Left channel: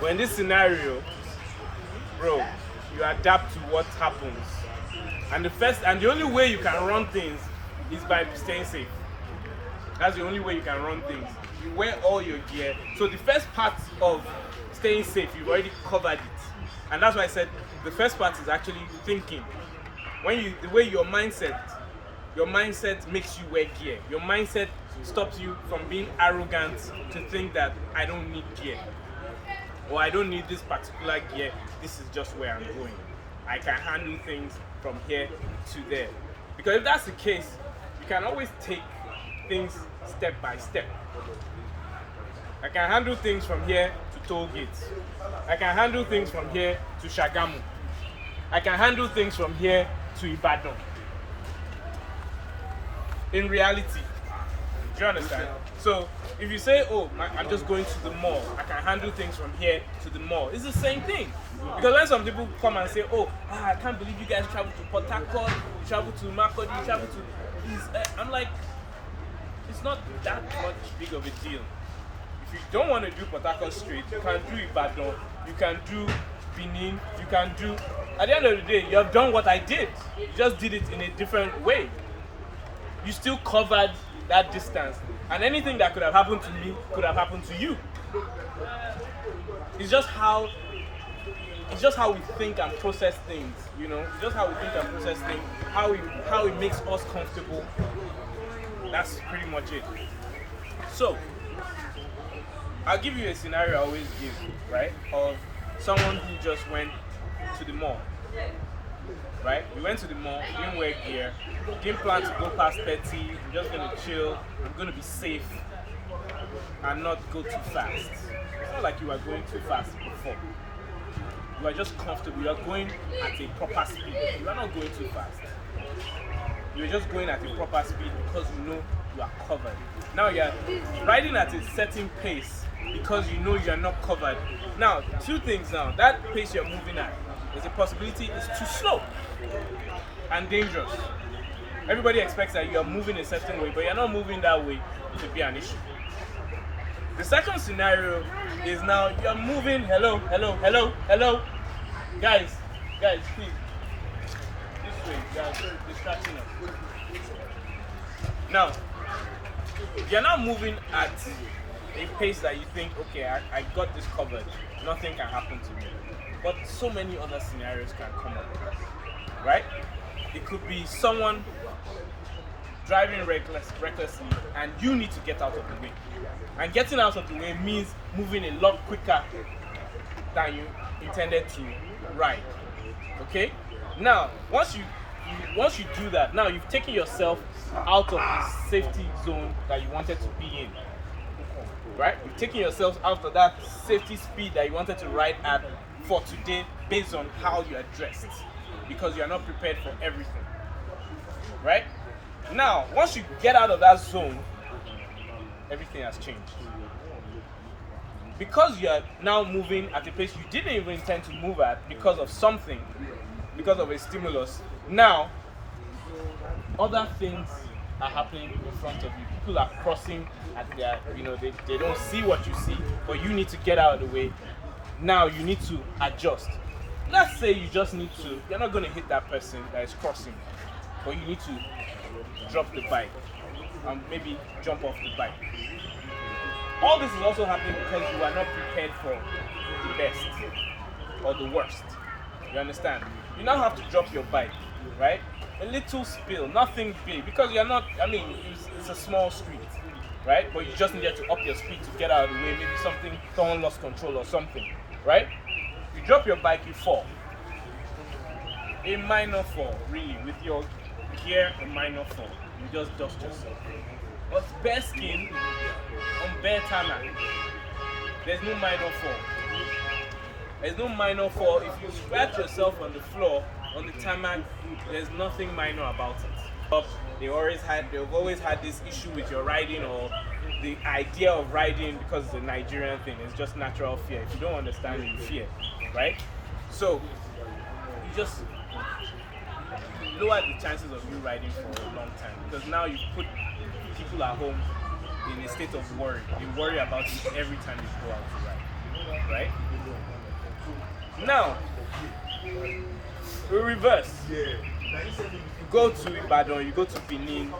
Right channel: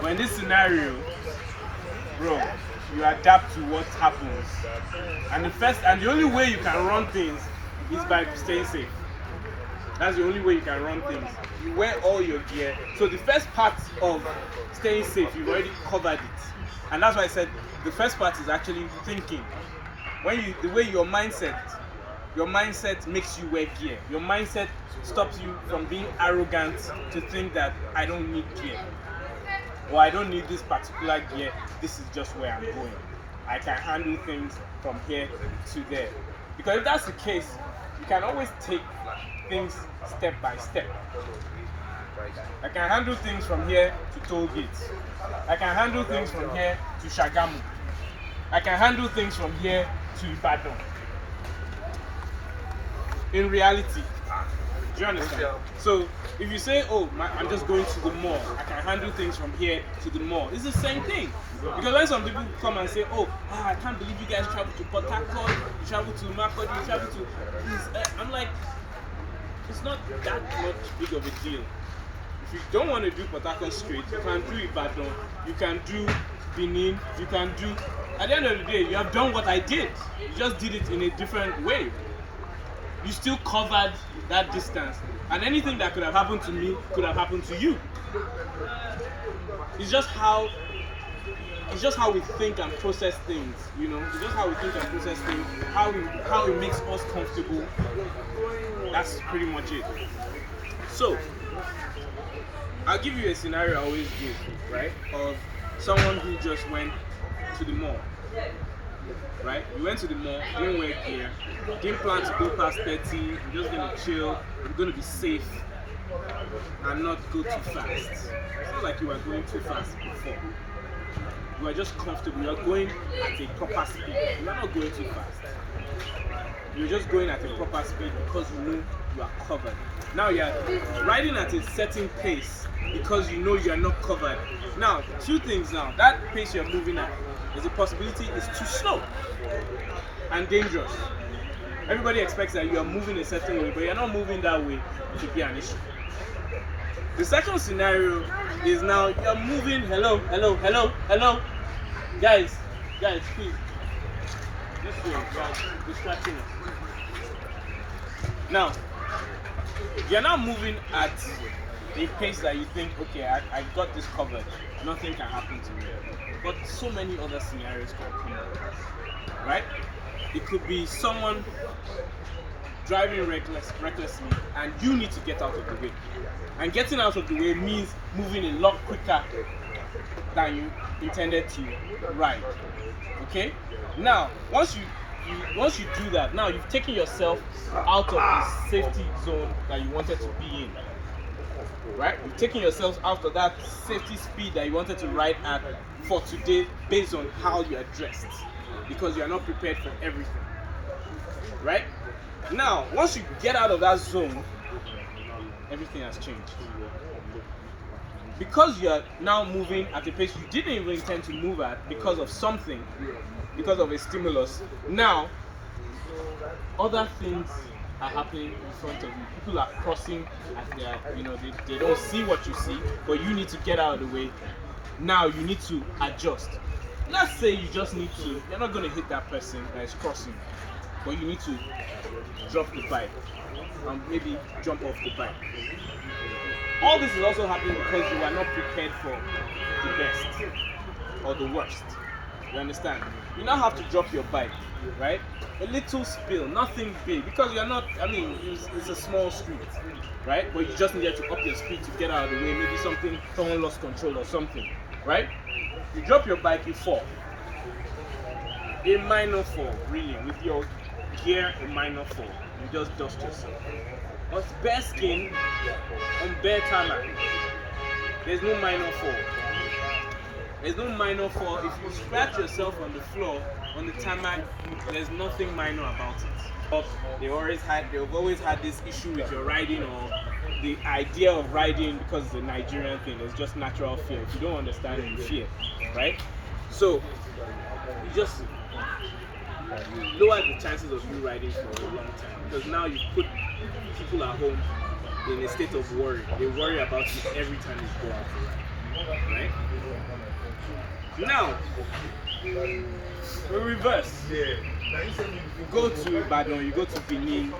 But in this scenario, bro, you adapt to what happens. And the only way you can run things is by staying safe. That's the only way you can run things. You wear all your gear. So the first part of staying safe, you've already covered it. And that's why I said the first part is actually thinking. The way your mindset makes you wear gear. Your mindset stops you from being arrogant to think that I don't need gear. Or I don't need this particular gear. This is just where I'm going. I can handle things from here to there. Because if that's the case, you can always take things step by step. I can handle things from here to toll gates. I can handle things from here to Shagamu. I can handle things from here to Ibadan. In reality, do you understand? So if you say, oh, I'm just going to the mall, I can handle things from here to the mall, it's the same thing. Because when some people come and say, oh, I can't believe you guys travel to Port Harcourt, you travel to Makurdi, you travel to... I'm like, it's not that much big of a deal. If you don't want to do Port Harcourt straight, you can do Ibadan, you can do Benin, you can do... At the end of the day, you have done what I did. You just did it in a different way. You still covered that distance. And anything that could have happened to me could have happened to you. It's just how we think and process things, you know. It's just how we think and process things, how it makes us comfortable. That's pretty much it. So, I'll give you a scenario I always give, right? Of someone who just went to the mall. Right? We went to the mall, didn't wear gear, didn't plan to go past 30, we're just gonna chill, we're gonna be safe and not go too fast. It's not like you were going too fast before. You are just comfortable, you are going at a proper speed. You are not going too fast. You're just going at a proper speed because you know you are covered. Now you are riding at a certain pace because you know you are not covered. Now, two things now. That pace you're moving at, there's a possibility it's too slow and dangerous. Everybody expects that you are moving a certain way, but you're not moving that way. It should be an issue. The second scenario is now you're moving. Hello. Guys, please. This way, guys, distracting us. Now, you're not moving at a pace that you think, okay, I got this covered. Nothing can happen to me. But so many other scenarios can come up, right? It could be someone driving recklessly and you need to get out of the way. And getting out of the way means moving a lot quicker than you intended to ride. Okay? Now, once you do that, now you've taken yourself out of the safety zone that you wanted to be in. Right? You've taken yourself out of that safety speed that you wanted to ride at for today based on how you are dressed. Because you are not prepared for everything. Right? Now, once you get out of that zone, everything has changed. Because you are now moving at a pace you didn't even intend to move at because of something, because of a stimulus, now other things are happening in front of you. People are crossing at their, they don't see what you see, but you need to get out of the way. Now you need to adjust. Let's say you just need to, you're not going to hit that person that is crossing, but you need to drop the bike and maybe jump off the bike. All this is also happening because you are not prepared for the best or the worst. You understand? You now have to drop your bike, right? A little spill, nothing big, because you're not, it's a small street, right? But you just needed to up your speed to get out of the way. Maybe someone lost control or something, right? You drop your bike, you fall. A minor fall, really, with your gear, a minor fall. You just dust yourself. But bare skin on bare tarmac, there's no minor fall. There's no minor fall. If you scratch yourself on the floor, on the tarmac, there's nothing minor about it. They've always had this issue with your riding or the idea of riding because it's a Nigerian thing. It's just natural fear. If you don't understand it, you fear, right? So you just lower the chances of you riding for a long time because now you put people at home in a state of worry. They worry about you every time you go out to ride. right? Now, we reverse. You go to Ibadan, you go to Benin,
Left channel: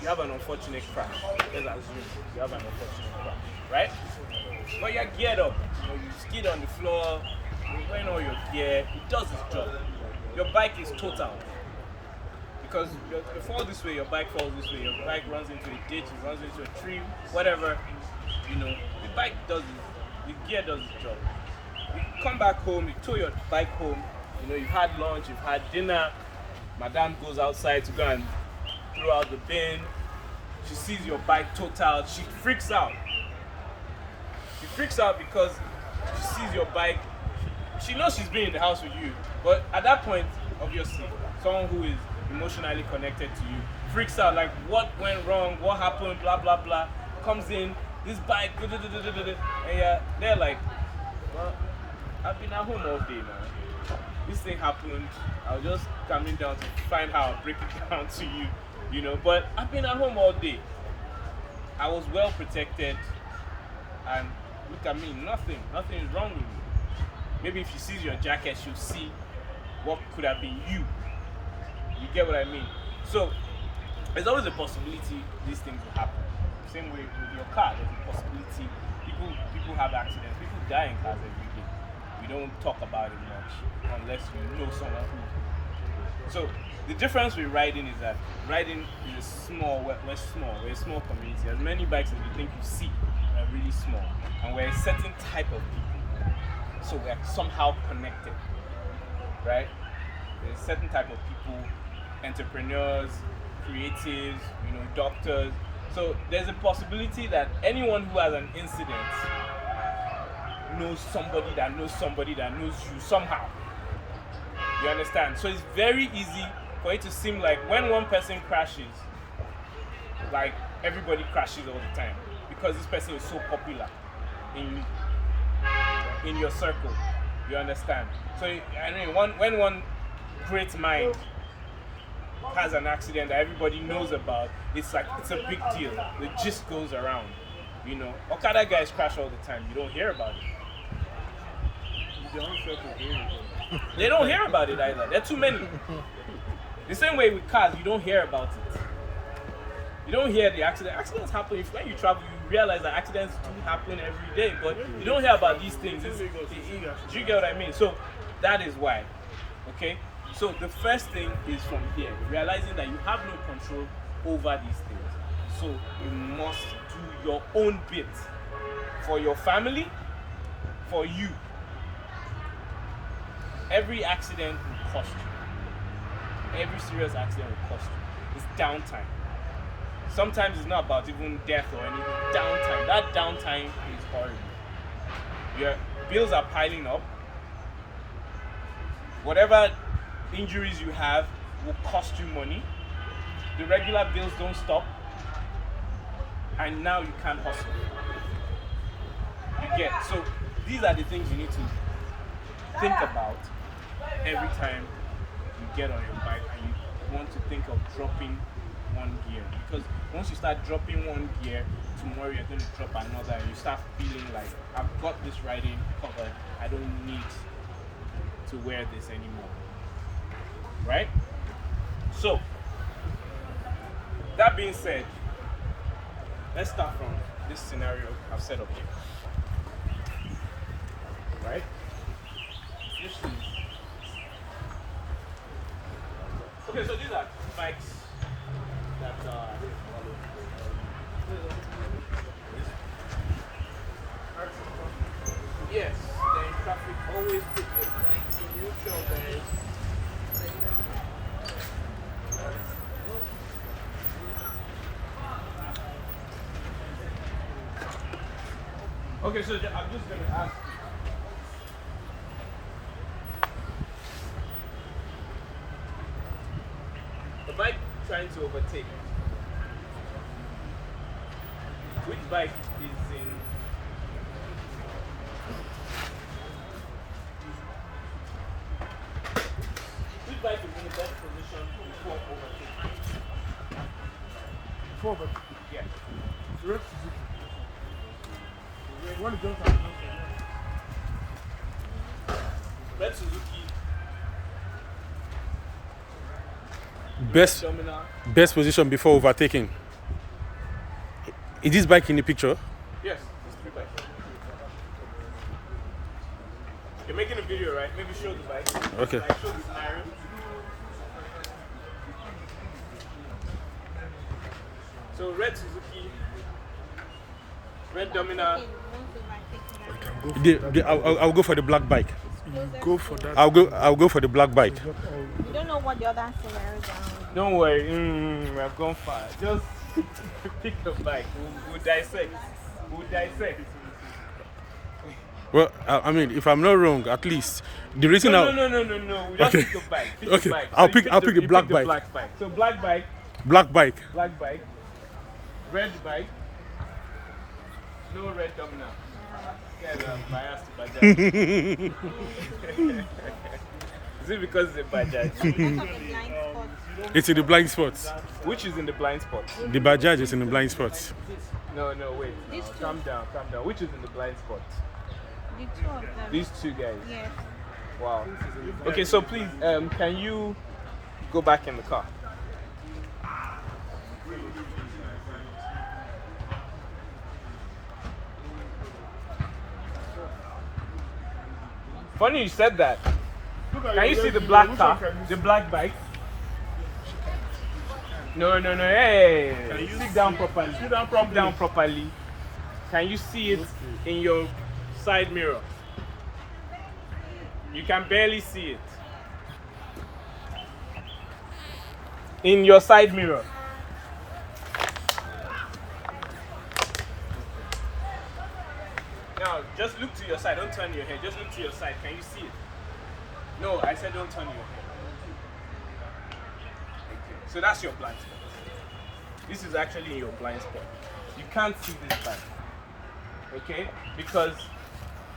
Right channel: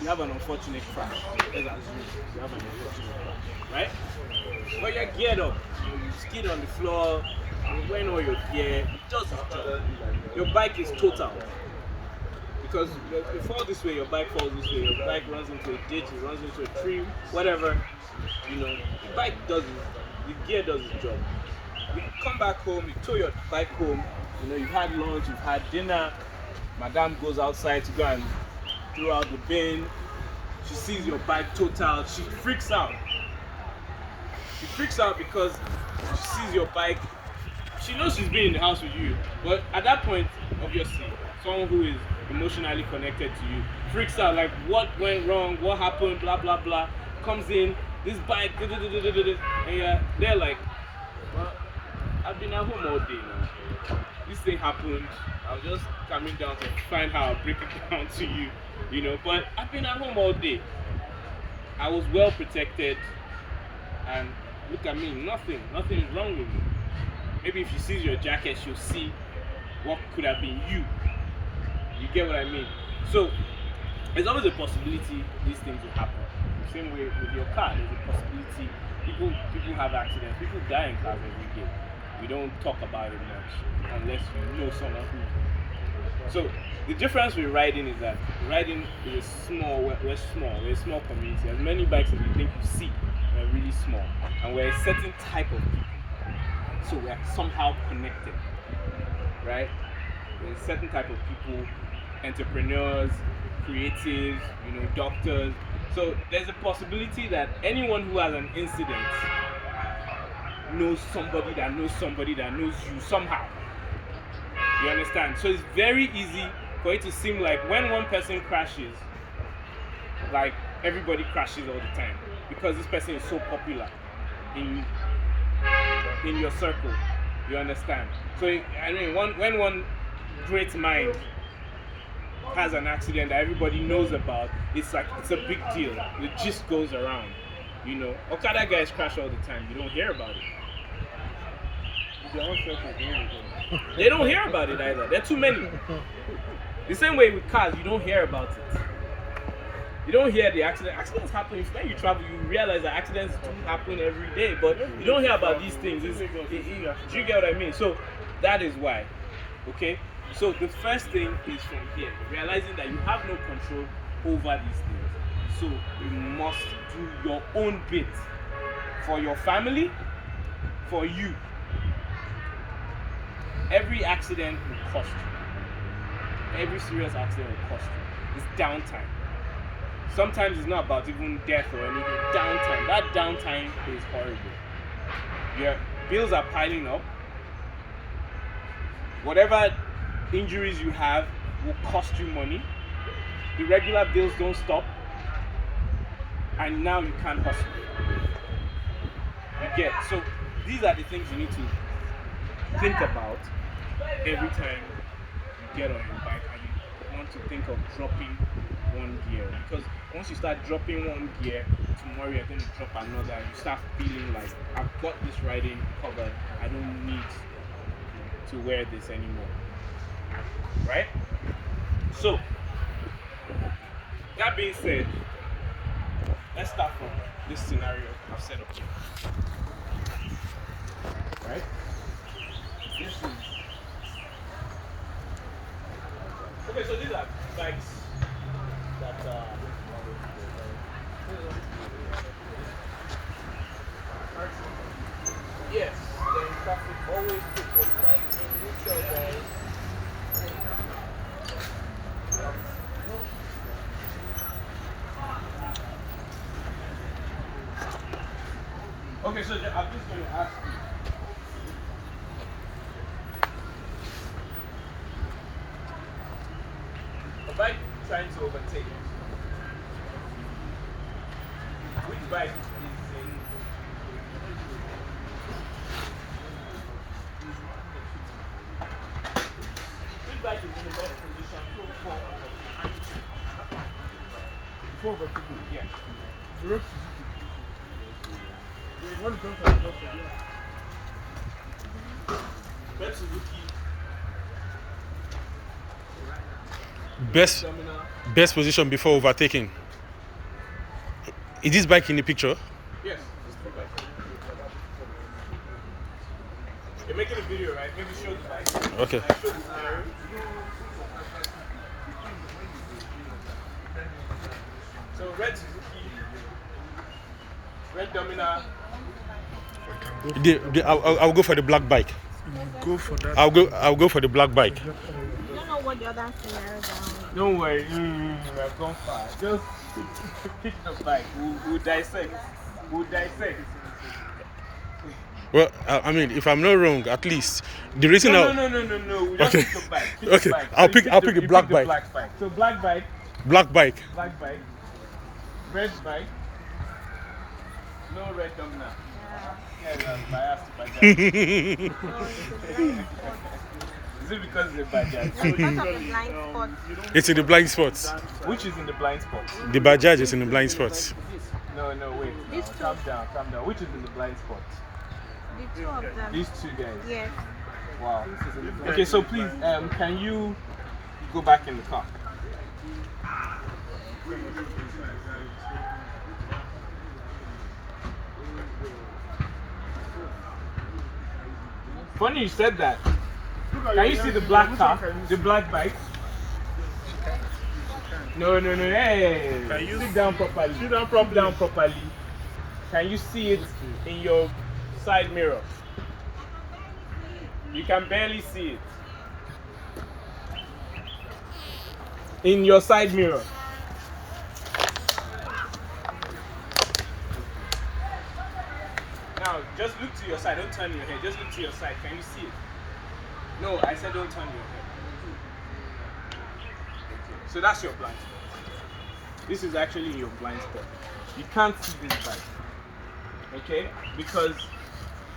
you have an unfortunate crash. Let's assume you have an unfortunate crash, right? But you're geared up. You skid on the floor, you went on your gear, it does its job. Your bike is total. Because you fall this way, your bike falls this way, your bike runs into a ditch, it runs into a tree, whatever. The bike does it, the gear does its job. You come back home, you tow your bike home, you've had lunch, you've had dinner, madam goes outside to go and throw out the bin, she sees your bike total, she freaks out. She freaks out because she sees your bike, she knows she's been in the house with you, but at that point, obviously, someone who is emotionally connected to you freaks out, like what went wrong, what happened, blah blah blah, comes in, this bike, and they're like, well, I've been at home all day now. This thing happened. I was just coming down to find how I'll break it down to you, but I've been at home all day. I was well protected, and look at me, nothing is wrong with me. Maybe if she sees your jacket, she'll see what could have been you. You get what I mean? So, there's always a possibility these things will happen. Same way with your car, there's a possibility. People have accidents, people die in cars every day. We don't talk about it much unless you know someone who. So the difference with riding is that riding is we're a small community. As many bikes as you think you see are really small. And we're a certain type of people. So we're somehow connected. Right? There's a certain type of people, entrepreneurs, creatives, doctors. So there's a possibility that anyone who has an incident knows somebody that knows somebody that knows you somehow. You understand? So it's very easy for it to seem like when one person crashes, like everybody crashes all the time because this person is so popular in your circle. You understand? So when one great mind has an accident that everybody knows about, it's a big deal. The gist goes around. Okada guys crash all the time. You don't hear about it. They don't hear about it either. There are too many. The same way with cars, you don't hear about it. You don't hear the accident. Accidents happen. When you travel, you realize that accidents do happen every day, but you don't hear about these things. Do you get what I mean? So that is why. Okay? So the first thing is from here, realizing that you have no control over these things. So you must do your own bit for your family, for you. Every accident will cost you. Every serious accident will cost you. It's downtime. Sometimes it's not about even death or anything. Downtime. That downtime is horrible. Your bills are piling up. Whatever injuries you have will cost you money. The regular bills don't stop. And now you can't hustle. You get. So these are the things you need to think about every time you get on your bike and you want to think of dropping one gear. Because once you start dropping one gear, tomorrow you're going to drop another and you start feeling like, I've got this riding covered, I don't need to wear this anymore. Right? So, that being said, let's start from this scenario I've set up here. Right? This is... Okay, so these are bikes that yes, they're in traffic. Always put your bike in neutral, guys. Okay, so I'm just going to ask you. A bike trying to overtake. Which bike is in? Which bike is in the best position for overtaking? For overtaking, yeah. Red Suzuki. Best Domina. best position before overtaking. Is this bike in the picture? Yes, it's 3 bikes. You're making a video, right? Maybe show the bike. Okay. I show the scenario. So red Suzuki, red Domina. I'll go for the black bike. Go for that. I'll go for the black bike. You don't know what the other scenarios are. Don't worry, we're gone far. Just pick the bike. We'll dissect. We'll dissect. Well, I mean, if I'm not wrong, at least the reason No. Just Okay. pick the bike. Pick Okay. the bike. I'll You pick a you black pick the bike. Black bike. So black bike, black bike. red bike. No red Domina. Yeah, we are biased to Bajaj. Is it because it's a Bajaj? Because of the blind spot. It's in the blind spots. Which is in the blind spot? The Bajaj is in the blind spots. No, wait. These No, two. calm down. Which is in the blind spot? The two of them. These two guys. Yes. Wow. Okay, so please, can you go back in the car? Funny you said that. Can you see the black car? The black bike? No. Hey, sit down properly. Sit down properly. Can you see it in your side mirror? You can barely see it. In your side mirror. Now, just look to your side. Don't turn your head. Just look to your side. Can you see it? No, I said don't turn your head. Okay. So that's your blind spot. This is actually in your blind spot. You can't see this bike. Okay? Because,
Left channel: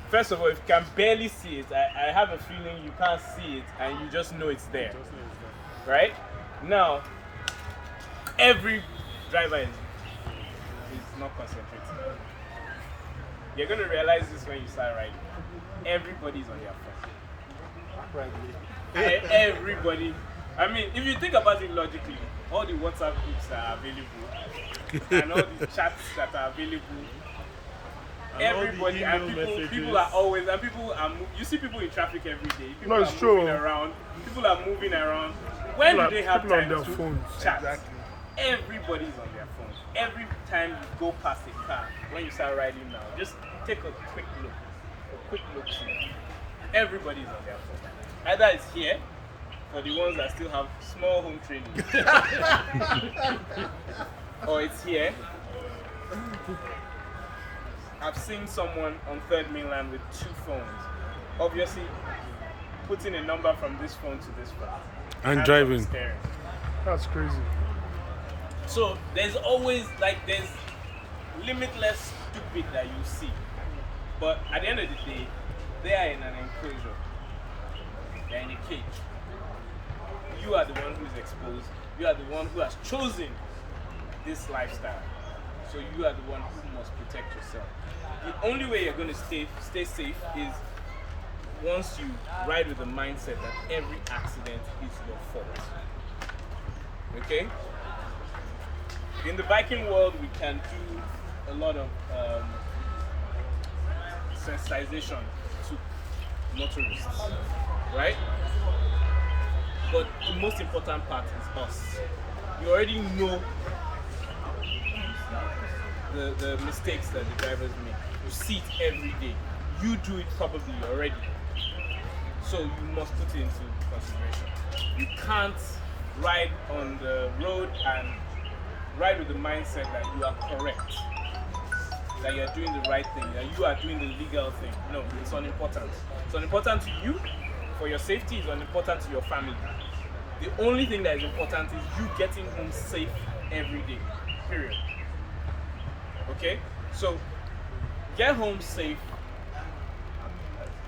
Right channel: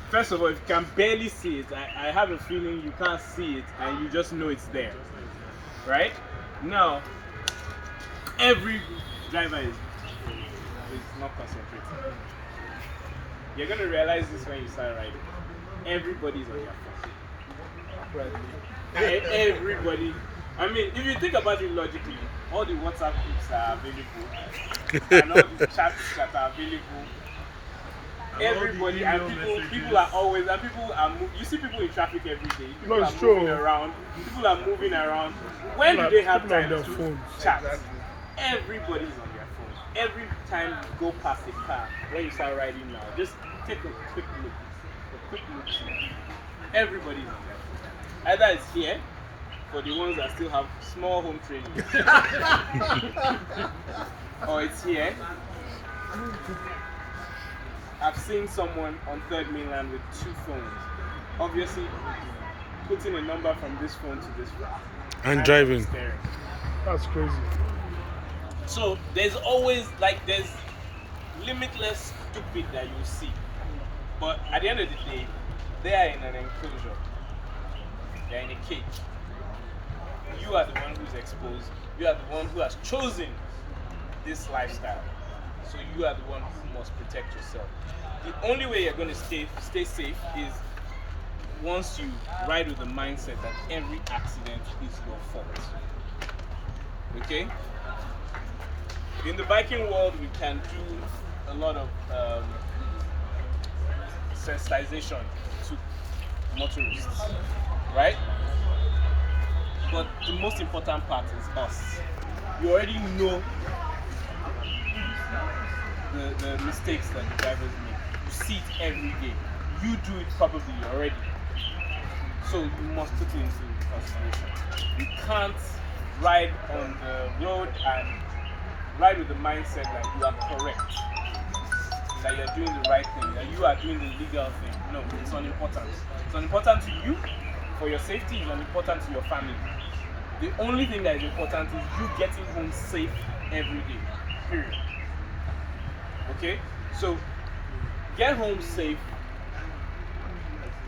first of all, if you can barely see it, I have a feeling you can't see it and you just know it's there. Right? Now, every driver is not concentrating. You're going to realize this when you start riding. Everybody's on their phone. Everybody. I mean, if you think about it logically, all the WhatsApp groups are available, and all the chats that are available. And Everybody all the and email people are always, and people are you see people in traffic every day. People No, are it's true. moving around. People are moving around. When do they have people on time their to phones. chat? Exactly. Everybody's on their phones. Every time you go past a car, when you start riding now, just take a quick look. Quick look. Everybody's on their phone. Either it's here, for the ones that still have small home training, or it's here. I've seen someone on Third Mainland with 2 phones. Obviously, putting a number from this phone to this phone. And driving. Staring. That's crazy. So there's always there's limitless stupid that you see. But at the end of the day, they are in an enclosure. They're in a cage. You are the one who's exposed. You are the one who has chosen this lifestyle. So you are the one who must protect yourself. The only way you're going to stay safe is once you ride with the mindset that every accident is your fault. Okay? In the biking world, we can do a lot of sensitization to motorists, right? But the most important part is us. You already know the mistakes that the drivers make. You see it every day. You do it probably already. So you must put it into consideration. You can't ride on the road and ride with the mindset that you are correct, that you are doing the right thing, that you are doing the legal thing. No, it's unimportant. It's unimportant to you, for your safety, it's unimportant to your family. The only thing that is important is you getting home safe every day, period. Okay? So, get home safe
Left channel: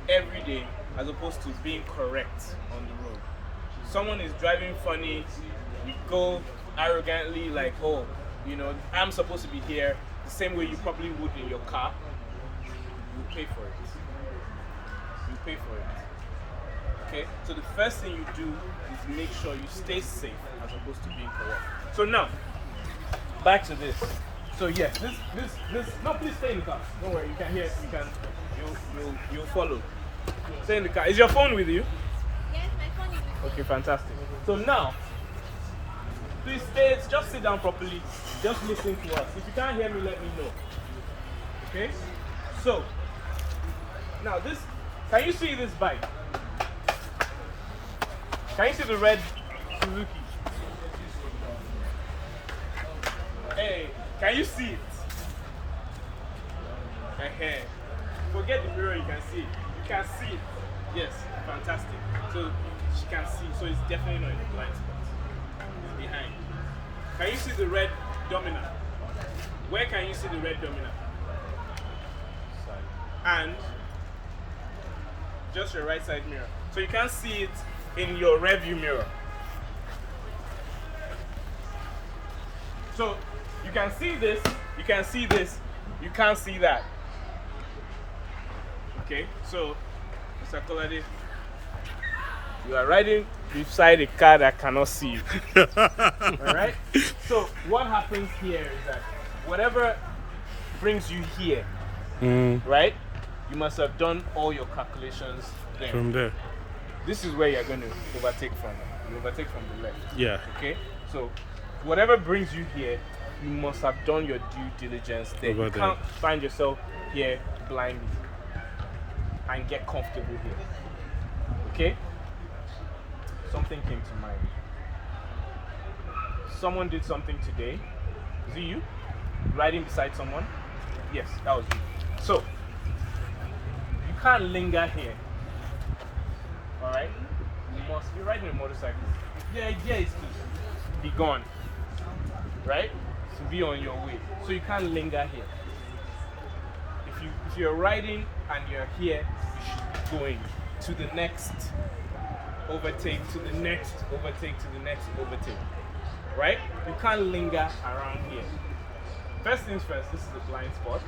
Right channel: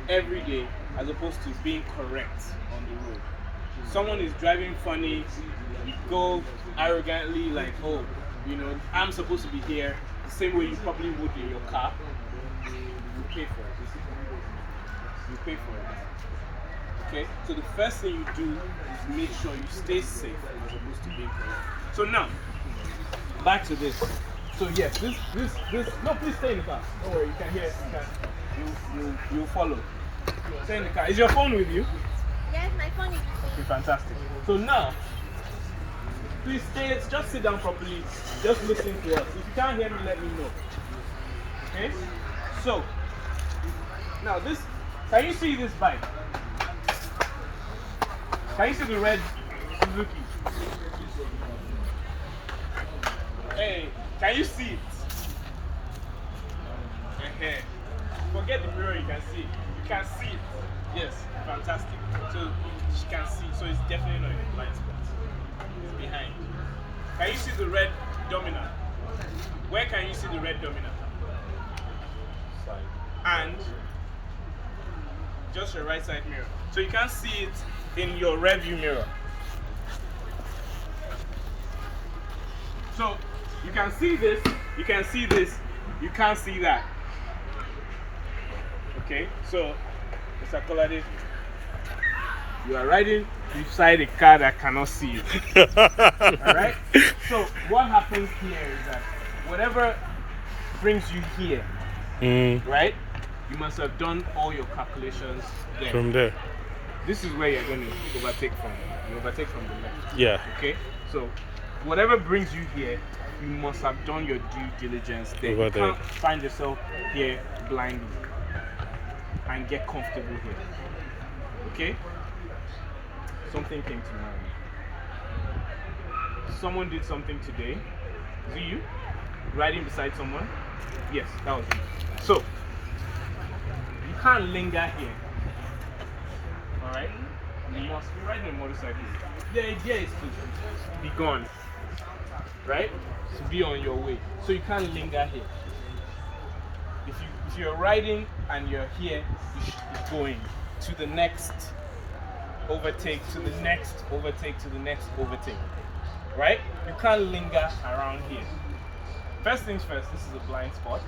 every day as opposed to being correct on the road. Someone is driving funny, you go arrogantly like, oh, I'm supposed to be here, the same way you probably would in your car. you pay for it. You pay for it. Okay? So the first thing you do is make sure you stay safe as opposed to being correct. So now, back to this. So yes, this. No, please stay in the car. Don't worry, you can hear. You'll follow. Stay in the car. Is your phone with you? Yes, my phone is with me. Okay, fantastic. So now, please stay. Just sit down properly. Just listen to us. If you can't hear me, let me know. Okay. So now this. Can you see this bike? Can you see the red Suzuki? Hey, can you see it? Forget the mirror, you can see it. You can see it. Yes, fantastic. So she can see, so it's definitely not in the blind spot. It's behind. Can you see the red dominant? Where can you see the red dominant? Side. And just your right side mirror. So you can't see it in your rear view mirror. So you can see this, you can see this, you can't see that. Okay, so Mr. Kolade, you are riding beside a car that cannot see you. Alright? So what happens here is that whatever brings you here, right? You must have done all your calculations there. From there. This is where you're going to overtake from. You overtake from the left. Yeah. Okay? So whatever brings you here, you must have done your due diligence there. Over You there. can't find yourself here blindly and get comfortable here. Okay? Something came to mind. Someone did something today. Is it you? Riding beside someone? Yes, that was you. So, you can't linger here. Alright? You must be riding a motorcycle. The idea is to be gone. Right? To be on your way. So you can't linger here. If you're riding and you're here, you should be going to the next overtake, to the next overtake, to the next overtake. Right? You can't linger around here. First things first, this is a blind spot.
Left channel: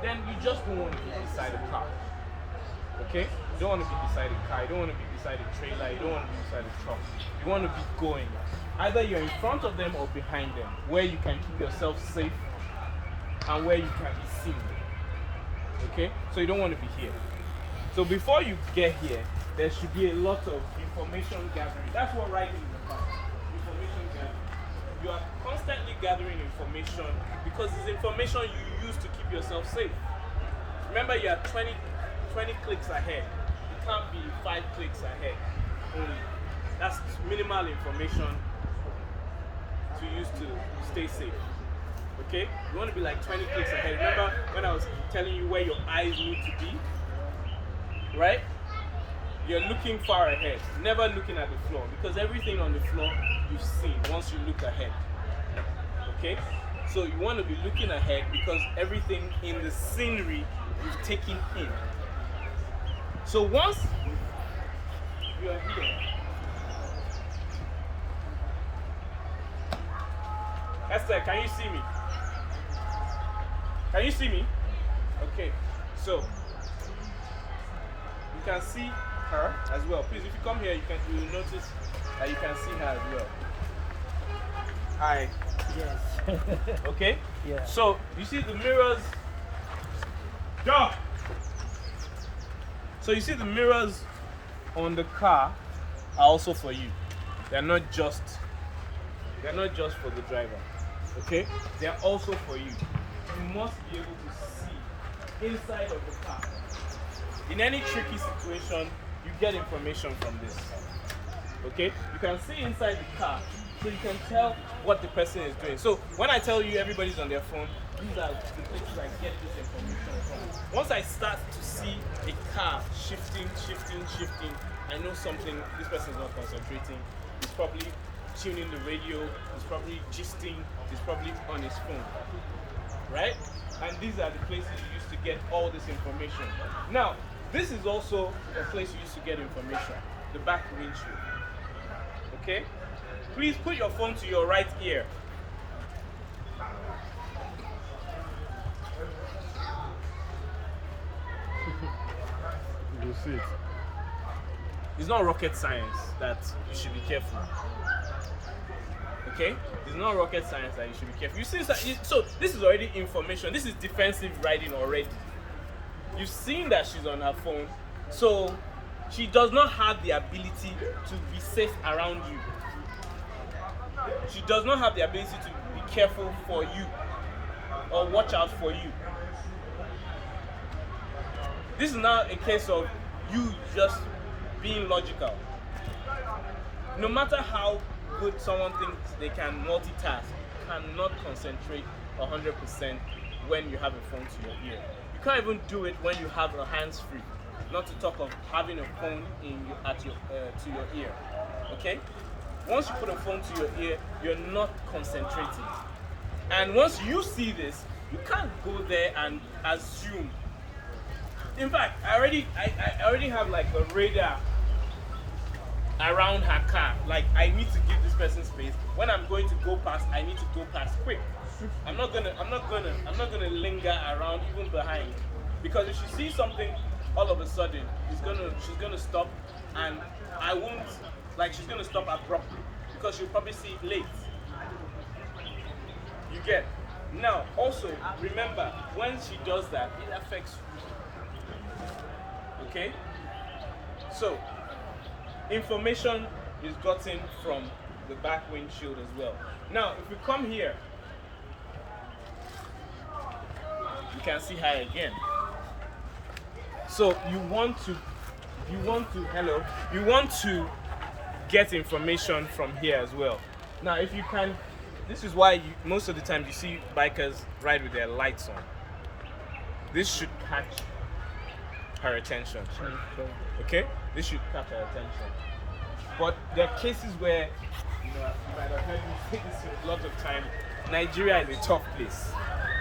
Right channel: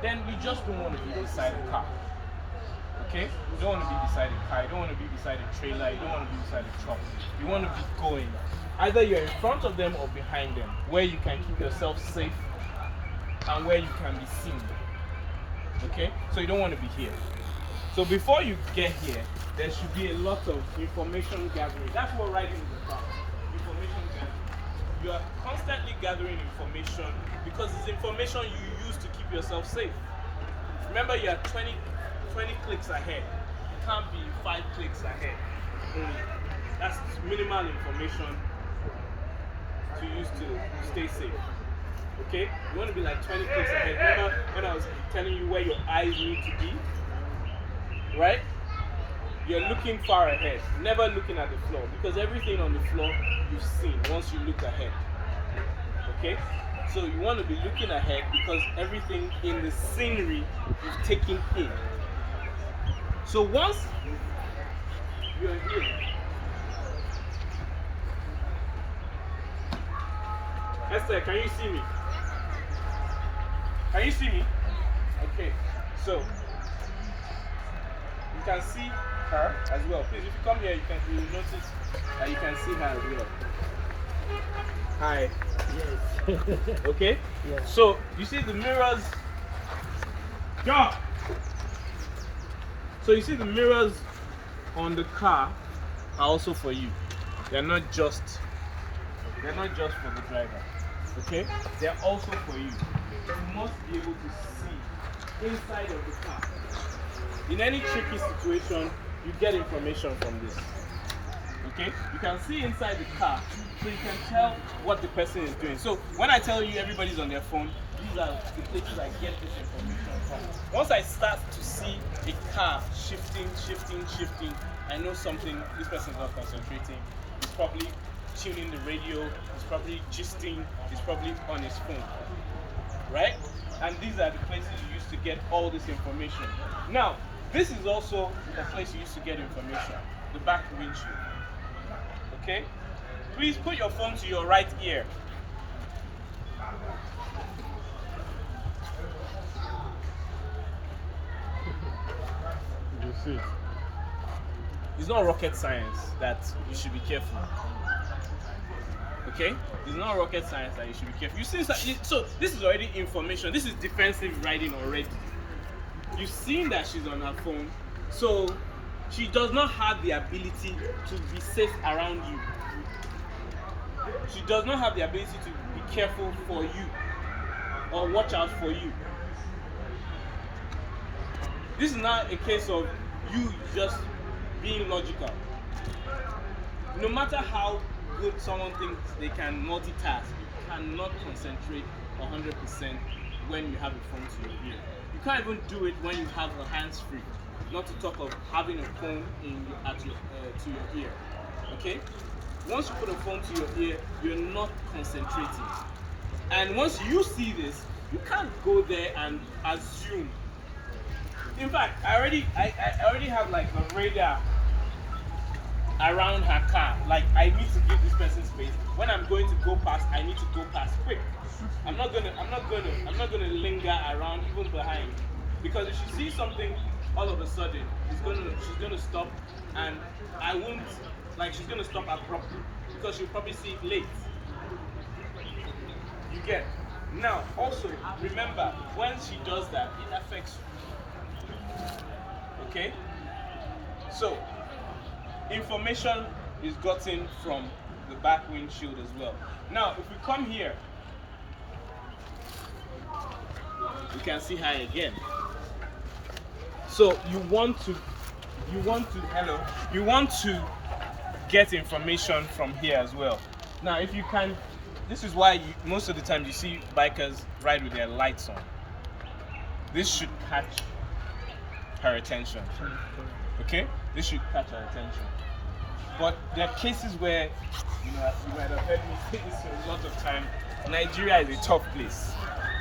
Then you just don't want to be beside a car. Okay? You don't want to be beside a car, you don't want to be beside a trailer, you don't want to be beside a truck. You want to be going. Either you're in front of them or behind them, where you can keep yourself safe and where you can be seen. Okay? So you don't want to be here. So before you get here, there should be a lot of information gathering. That's what riding is about. Information gathering. You are constantly gathering information because it's information you use to keep yourself safe. Remember, you are 20 clicks ahead. You can't be 5 clicks ahead. That's minimal information to use to stay safe. Okay? You want to be like 20 clicks ahead. Remember when I was telling you where your eyes need to be? Right? You're looking far ahead, never looking at the floor, because everything on the floor you've seen once you look ahead. Okay? So you want to be looking ahead because everything in the scenery you've taken in. So once you're here, Esther, can you see me? Can you see me? Okay, so you can see her as well. Please, if you come here, you will notice that you can see her as well. Hi. Yes. Okay? Yeah. So you see the mirrors. Go! So you see the mirrors on the car are also for you. They're not just for the driver. Okay? They're also for you. You must be able to see inside of the car. In any tricky situation, you get information from this. Okay? You can see inside the car, so you can tell what the person is doing. So when I tell you everybody's on their phone, these are the places I get this information from. Once I start to see a car shifting, I know something, this person is not concentrating. He's probably tuning the radio, he's probably gisting, he's probably on his phone. Right? And these are the places you use to get all this information. Now, this is also a place you use to get information, the back windshield. Okay? Please put your phone to your right ear. see it. It's not rocket science that you should be careful. Okay? It's not rocket science that you should be careful. You see, so this is already information. This is defensive writing already. You've seen that she's on her phone, so she does not have the ability to be safe around you. She does not have the ability to be careful for you or watch out for you. This is now a case of you just being logical. No matter how good someone thinks they can multitask, you cannot concentrate 100% when you have a phone to your ear. You can't even do it when you have a hands-free. Not to talk of having a phone to your ear. Okay? Once you put a phone to your ear, you're not concentrating. And once you see this, you can't go there and assume. In fact, I already have like a radar around her car. Like, I need to give this person space. When I'm going to go past, I need to go past quick. I'm not gonna linger around even behind, because if she sees something, all of a sudden she's gonna stop, and I won't, like, she's gonna stop abruptly because she'll probably see it late. You get? Now, also remember, when she does that, it affects you. Okay? So, information is gotten from the back windshield as well. Now, if we come here, you can see her again. So you want to get information from here as well. Now, if you can, this is why most of the time you see bikers ride with their lights on. This should catch her attention. Okay? This should catch her attention. But there are cases where, you might have heard me say this a lot of time, Nigeria is a tough place.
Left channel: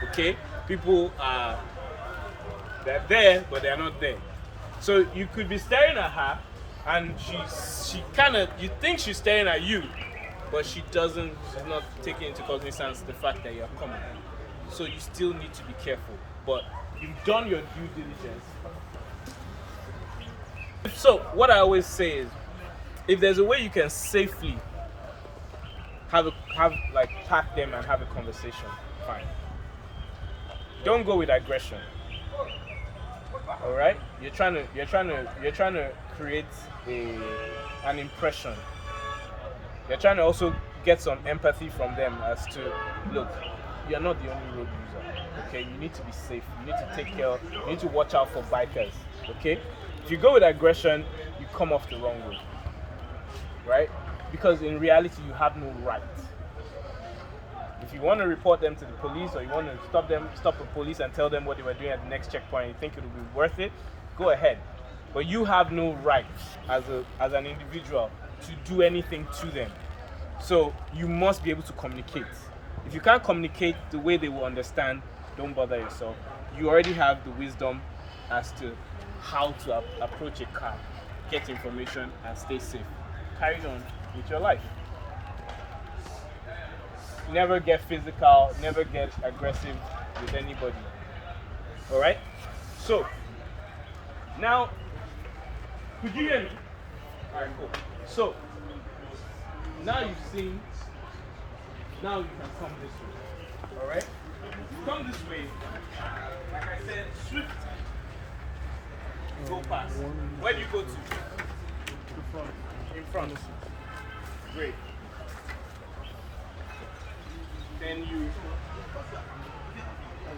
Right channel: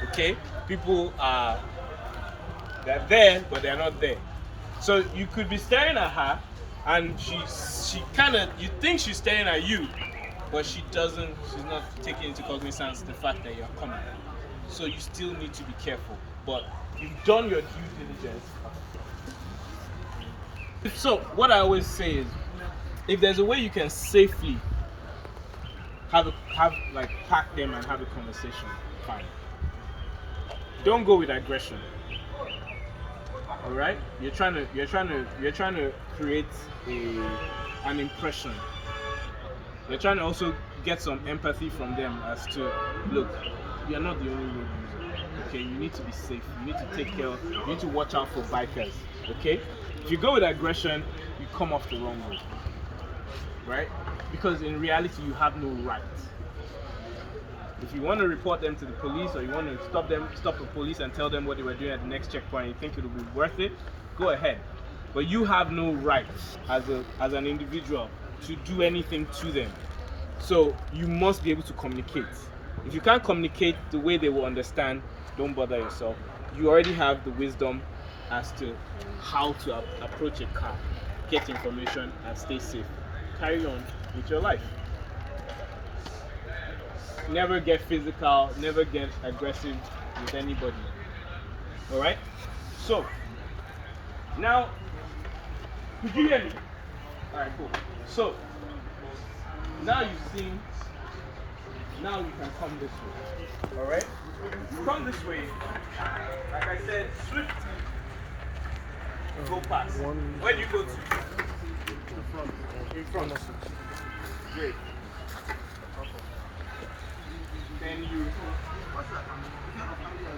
Okay? People they're there, but they're not there. So you could be staring at her, and she kind of, you think she's staring at you, but she's not taking into cognizance the fact that you're coming. So you still need to be careful. But you've done your due diligence. So what I always say is, if there's a way you can safely pack them and have a conversation, fine. Don't go with aggression. All right? You're trying to create an impression. You're trying to also get some empathy from them as to, look, you're not the only road user. Okay, you need to be safe. You need to take care. You need to watch out for bikers. Okay? If you go with aggression, you come off the wrong way. Right? Because in reality, you have no right. If you want to report them to the police, or you want to stop the police and tell them what they were doing at the next checkpoint, and you think it will be worth it, go ahead. But you have no right as an individual to do anything to them. So you must be able to communicate. If you can't communicate the way they will understand, don't bother yourself. You already have the wisdom as to how to approach a car, get information, and stay safe. Carry on with your life. Never get physical, never get aggressive with anybody. Alright? So, now, could you hear me? Alright, cool. So, now you've seen, now you can come this way. Alright? You come this way, like I said, swift. Go past. Where do you go to? In front. Great. Then you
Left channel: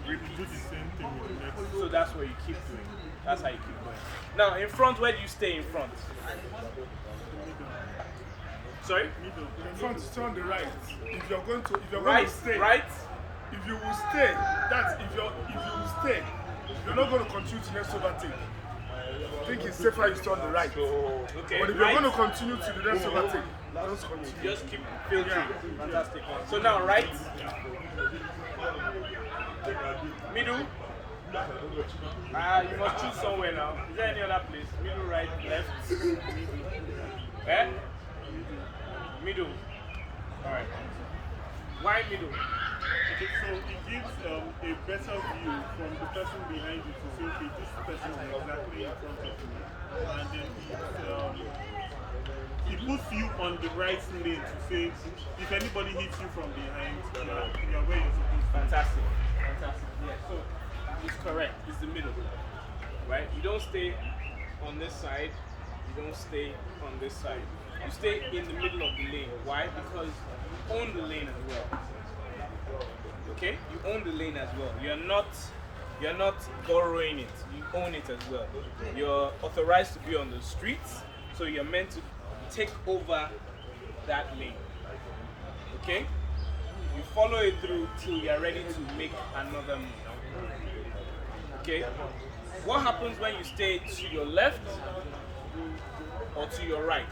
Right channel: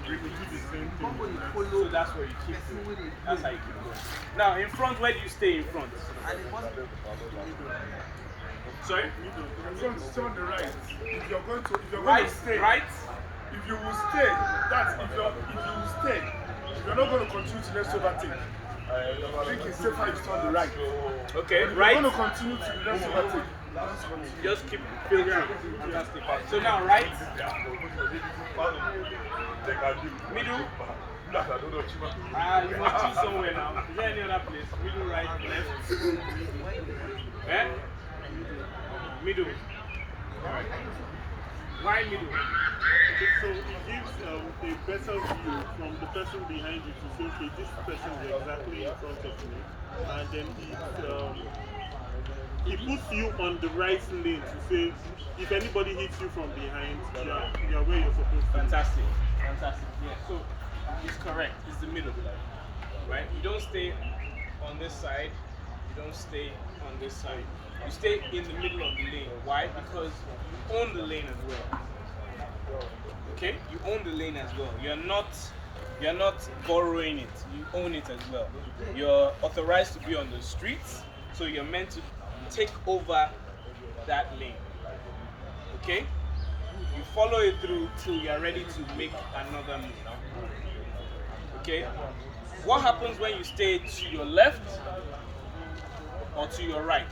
do the same thing. So that's where you keep doing. That's how you keep going. Now, in front, where do you stay in front? Sorry? In front, stay on the right. If you're going to stay, right? if you will stay, you're not going to continue to let's overtake. I think it's safer you stay on the right. Okay, but if right. you're going to continue to do let's overtake, just keep filtering. Fantastic. So now, right? Middle? You must choose somewhere now. Is there any other place? Middle, right, left? Eh? Middle. Alright. Why middle? Okay, so it gives a better view from the person behind you to say, okay, this person is exactly in front of me, and then it puts you on the right lane to say, if anybody hits you from behind, you're where you're supposed to be. Fantastic. Fantastic. Yeah. So it's correct. It's the middle. Right? You don't stay on this side. You don't stay on this side. You stay in the middle of the lane. Why? Because you own the lane as well. Okay? You own the lane as well. You're not borrowing it. You own it as well. You're authorized to be on the streets, so you're meant to take over that lane. Okay? You follow it through till you're ready to make another move. Okay? What happens when you stay to your left or to your right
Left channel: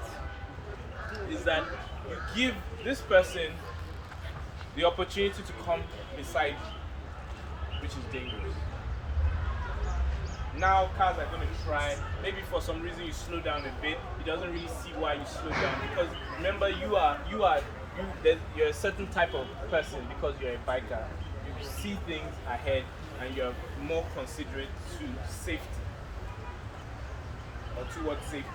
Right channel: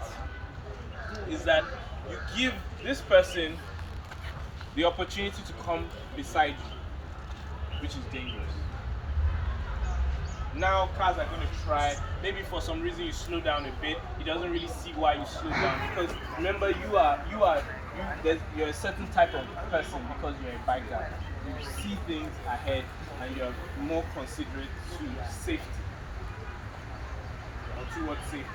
is that you give this person the opportunity to come beside you, which is dangerous. Now cars are going to try, maybe for some reason you slow down a bit, he doesn't really see why you slow down, because remember you're a certain type of person because you're a biker. You see things ahead and you're more considerate to safety or towards safety,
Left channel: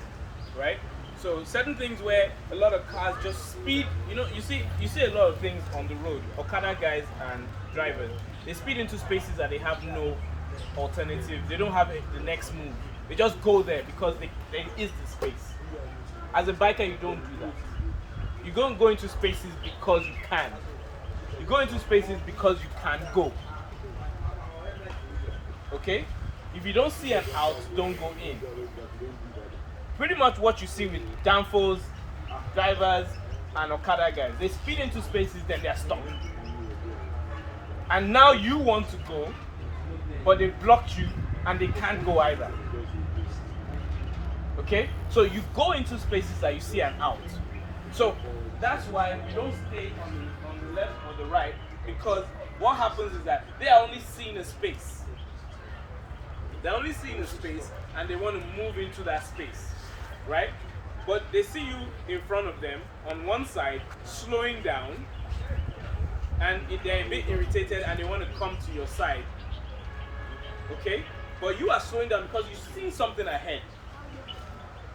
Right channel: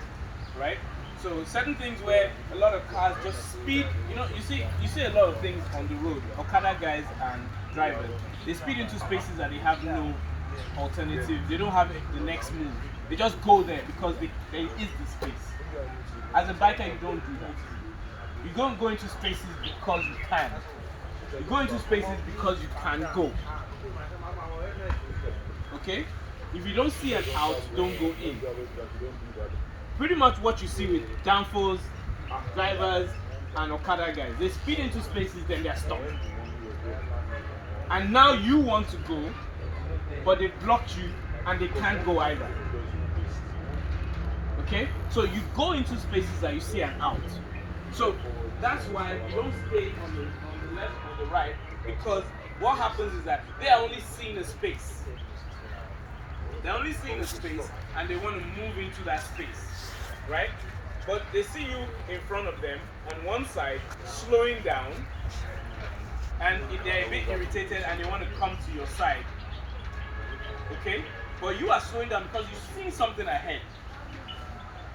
right? So certain things where a lot of cars just speed, you see a lot of things on the road, Okada guys and drivers, they speed into spaces that they have no alternative, they don't have the next move, they just go there because there is the space. As a biker, you don't do that. You don't go into spaces because you can. You go into spaces because you can go. Okay? If you don't see an out, don't go in. Pretty much what you see with danfos, drivers, and Okada guys. They speed into spaces, then they're stopped. And now you want to go, but they blocked you and they can't go either. Okay? So you go into spaces that you see an out. So that's why you don't stay on the left or the right, because what happens is that they are only seeing a space. They're only seeing a space and they want to move into that space, right? But they see you in front of them on one side, slowing down, and if they're a bit irritated and they want to come to your side, okay? But you are slowing down because you see something ahead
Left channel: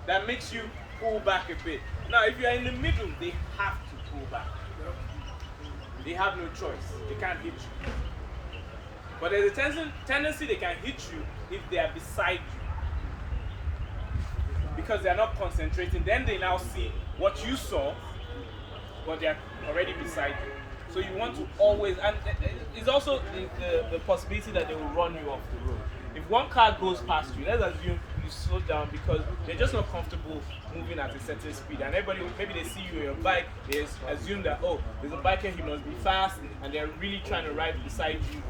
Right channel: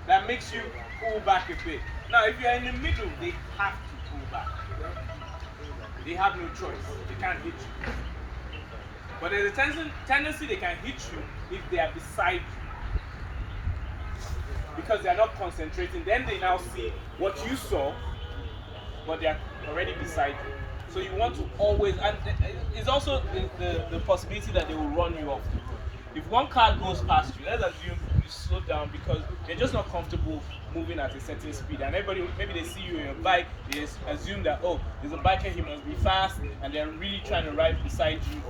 that makes you pull back a bit. Now, if you're in the middle, they have to pull back. They have no choice. They can't hit you. But there's a tendency they can hit you if they are beside you, because they are not concentrating. Then they now see what you saw, but they are already beside you. So you want to always, and it's also the possibility that they will run you off the road. If one car goes past you, let's assume you slow down because they're just not comfortable moving at a certain speed, and everybody, maybe they see you on your bike, they assume that, oh, there's a biker, he must be fast, and they're really trying to ride beside you.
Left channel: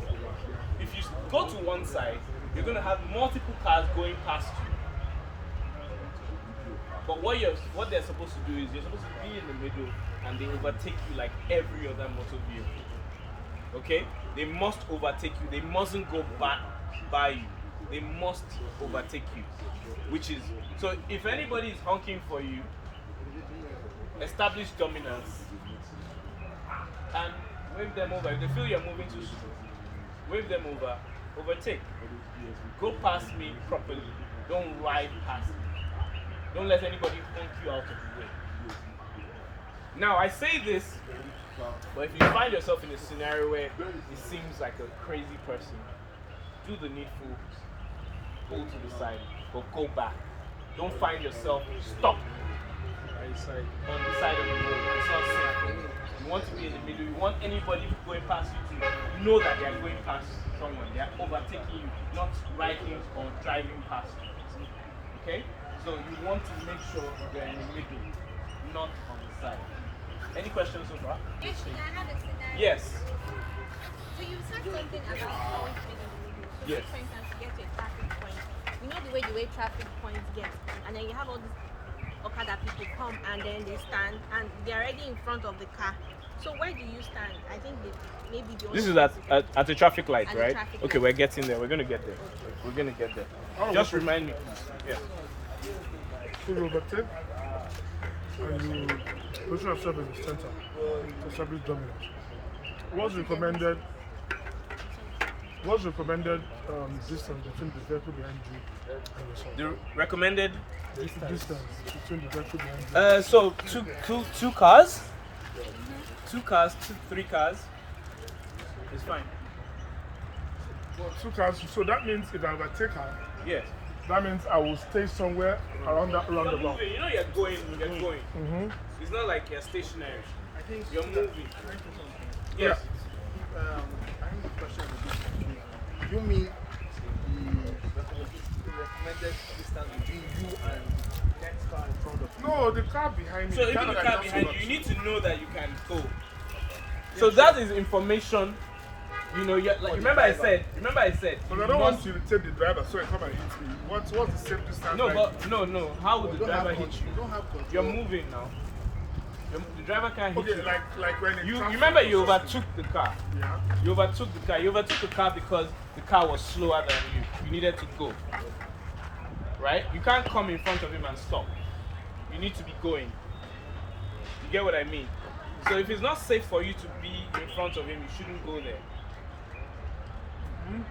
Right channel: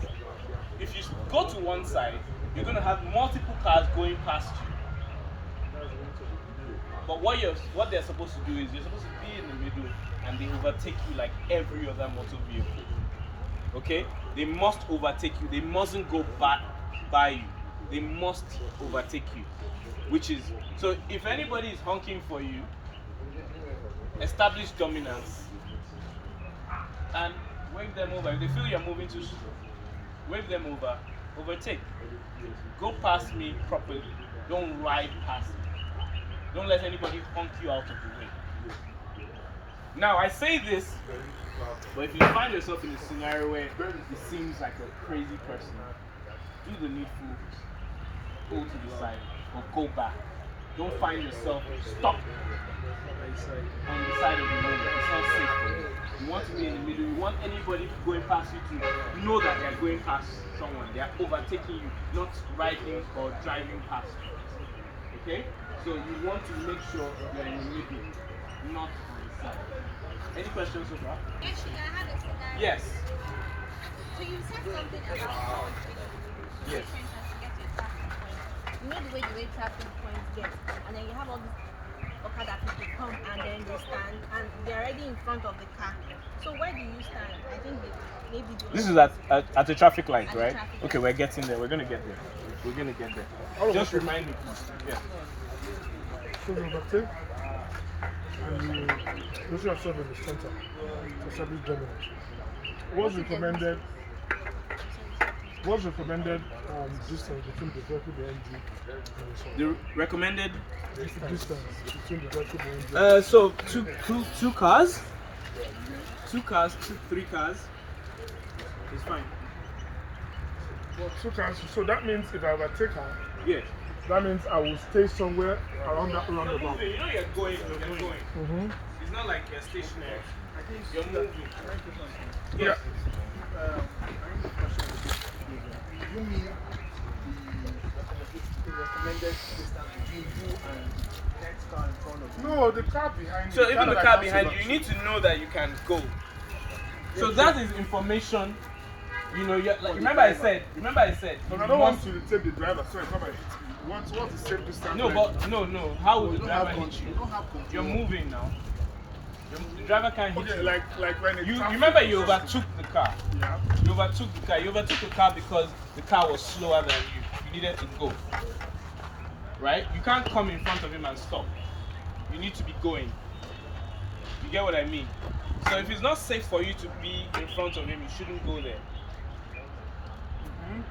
If you go to one side, you're going to have multiple cars going past you. But what they're supposed to do is you're supposed to be in the middle and they overtake you like every other motor vehicle. Okay? They must overtake you. They mustn't go by you. They must overtake you. Which is, so if anybody is honking for you, establish dominance and wave them over. If they feel you're moving too slow, wave them over, overtake. Go past me properly. Don't ride past me. Don't let anybody honk you out of the way. Now, I say this, but if you find yourself in a scenario where it seems like a crazy person, do the needful, pull to the side, or go back. Don't find yourself stuck on the side of the road. It's not safe. You want to be in the middle. You want anybody going past you to know that they're going past someone. They're overtaking you, not riding or driving past you. Okay? So you want to make sure you're in the middle, not on the side. Any questions so far? Yes, I had a scenario. Yes. So you said something about Yes. to get to a traffic point. You know the way traffic points get, and then you have all these Okada people come and then they stand and they're already in front of the car. So where do you stand? I think maybe This is at the traffic light, At the right? traffic Okay, light. we're getting there. We're gonna get there. We're gonna get there. Just remind me, please. Yeah. So you overtake and you position yourself in the center to establish dominance. What's recommended? What's recommended distance between the vehicle behind you and The recommended. the distance between the vehicle behind you? So two cars, 3 cars. It's fine. Two cars. So that means if I overtake her, Yes. that means I will stay somewhere around that You're roundabout. moving. You know you're going. You're going. Mm-hmm. It's not like you're stationary. I think You're moving. Yeah. Yes. I think the question is a bit confusing. You mean the recommended distance between you and the next car in front of you? No, the car behind me. So even the that I car can't behind see you, you need to know that you can go. So that is information. You know, like, remember I said. But I you don't want must- you to take the driver so I come and hit me. What's the safe distance? No, like? but no. How would You the don't have driver hit control. you? You don't have control. You're moving now. The driver can't hit Okay, you. like when it You comes remember to- you overtook the car. Yeah. You overtook the car. You overtook the car because the car was slower than you. You needed to go. Right? You can't come in front of him and stop. You need to be going. You get what I mean? So if it's not safe for you to be in front of him, you shouldn't go there.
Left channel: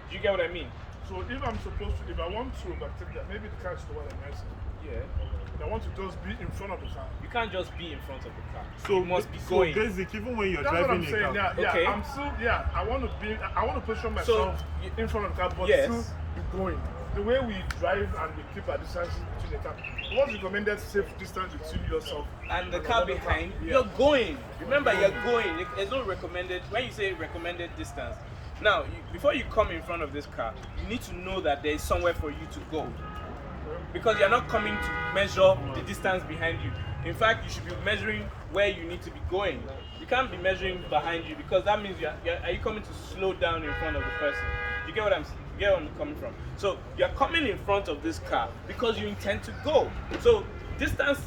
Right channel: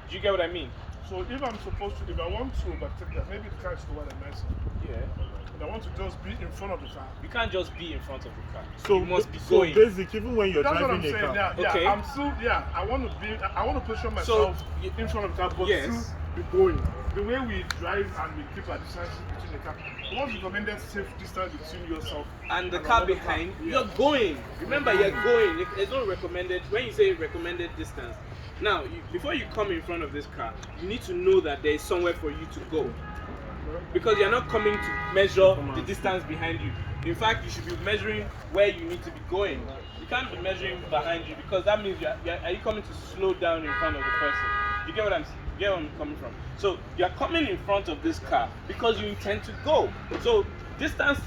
Do you get what I mean? So if I'm supposed to, if I want to overtake that, maybe the car is slower than myself. Yeah. But I want to just be in front of the car. You can't just be in front of the car. So you must be so going. basic, even when you're That's what I'm driving a saying. car. Yeah, Okay. I'm still, I want to position myself y- in front of the car, but Yes. still be going. The way we drive and we keep a distance between the car. What's the recommended safe distance between yourself And the car another behind, car? you're going. Remember, you're going. There's no recommended. When you say recommended distance, now before you come in front of this car, you need to know that there is somewhere for you to go. Because you're not coming to measure the distance behind you. In fact, you should be measuring where you need to be going. You can't be measuring behind you because that means are you coming to slow down in front of the person? You get what I'm coming from? So you're coming in front of this car because you intend to go. So distance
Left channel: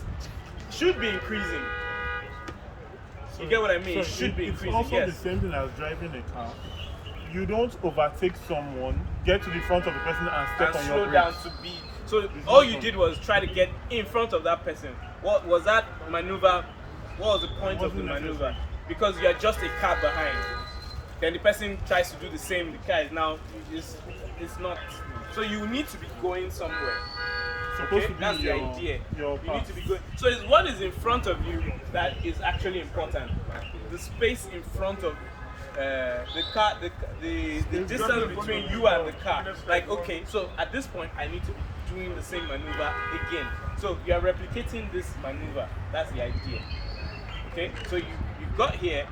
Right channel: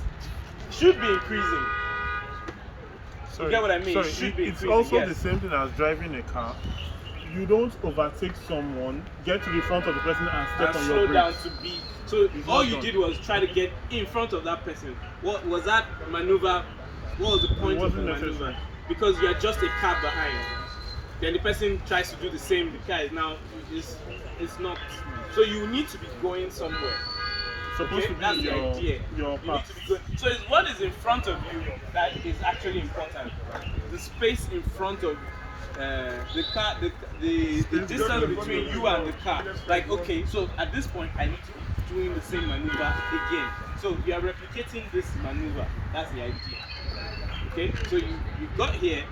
should be increasing. You get what I mean? Sorry, It should be it's increasing, also yes. the same thing as driving a car. You don't overtake someone, get to the front of the person and step And on your slow brakes. down to be. So It's all not you done. did was try to get in front of that person. What was that maneuver? What was the point of the wasn't maneuver? necessary. Because you're just a car behind. Then the person tries to do the same. The car is now it's not. So you need to be going somewhere. Supposed Okay? to That's be the your idea. your You need path. to be going. So it's what is in front of you that is actually important. The space in front of the car, the distance between you and the car. Like, okay, so at this point, I need to be doing the same maneuver again. So you are replicating this maneuver. That's the idea. Okay, so you got here,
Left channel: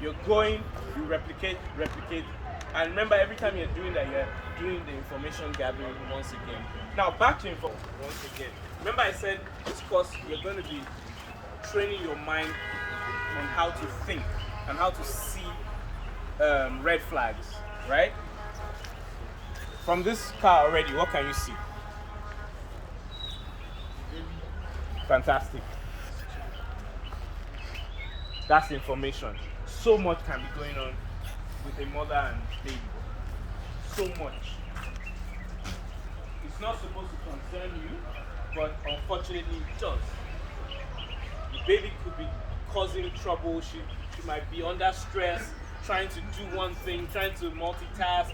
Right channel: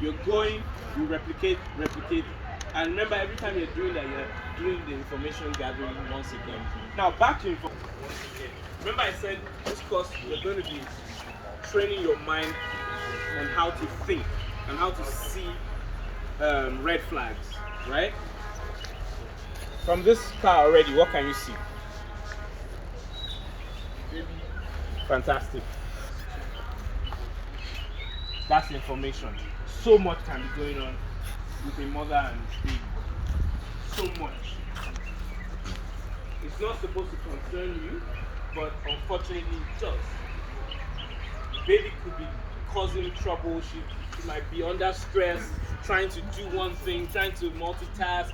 you're going, you replicate, and remember every time you're doing that, you're doing the information gathering once again. Now back to information once again. Remember I said this course you're going to be training your mind on how to think and how to see red flags, right? From this car already, what can you see? Fantastic. That's information. So much can be going on with a mother and baby. So much. It's not supposed to concern you, but unfortunately it does. The baby could be causing trouble. She might be under stress, trying to do one thing, trying to multitask.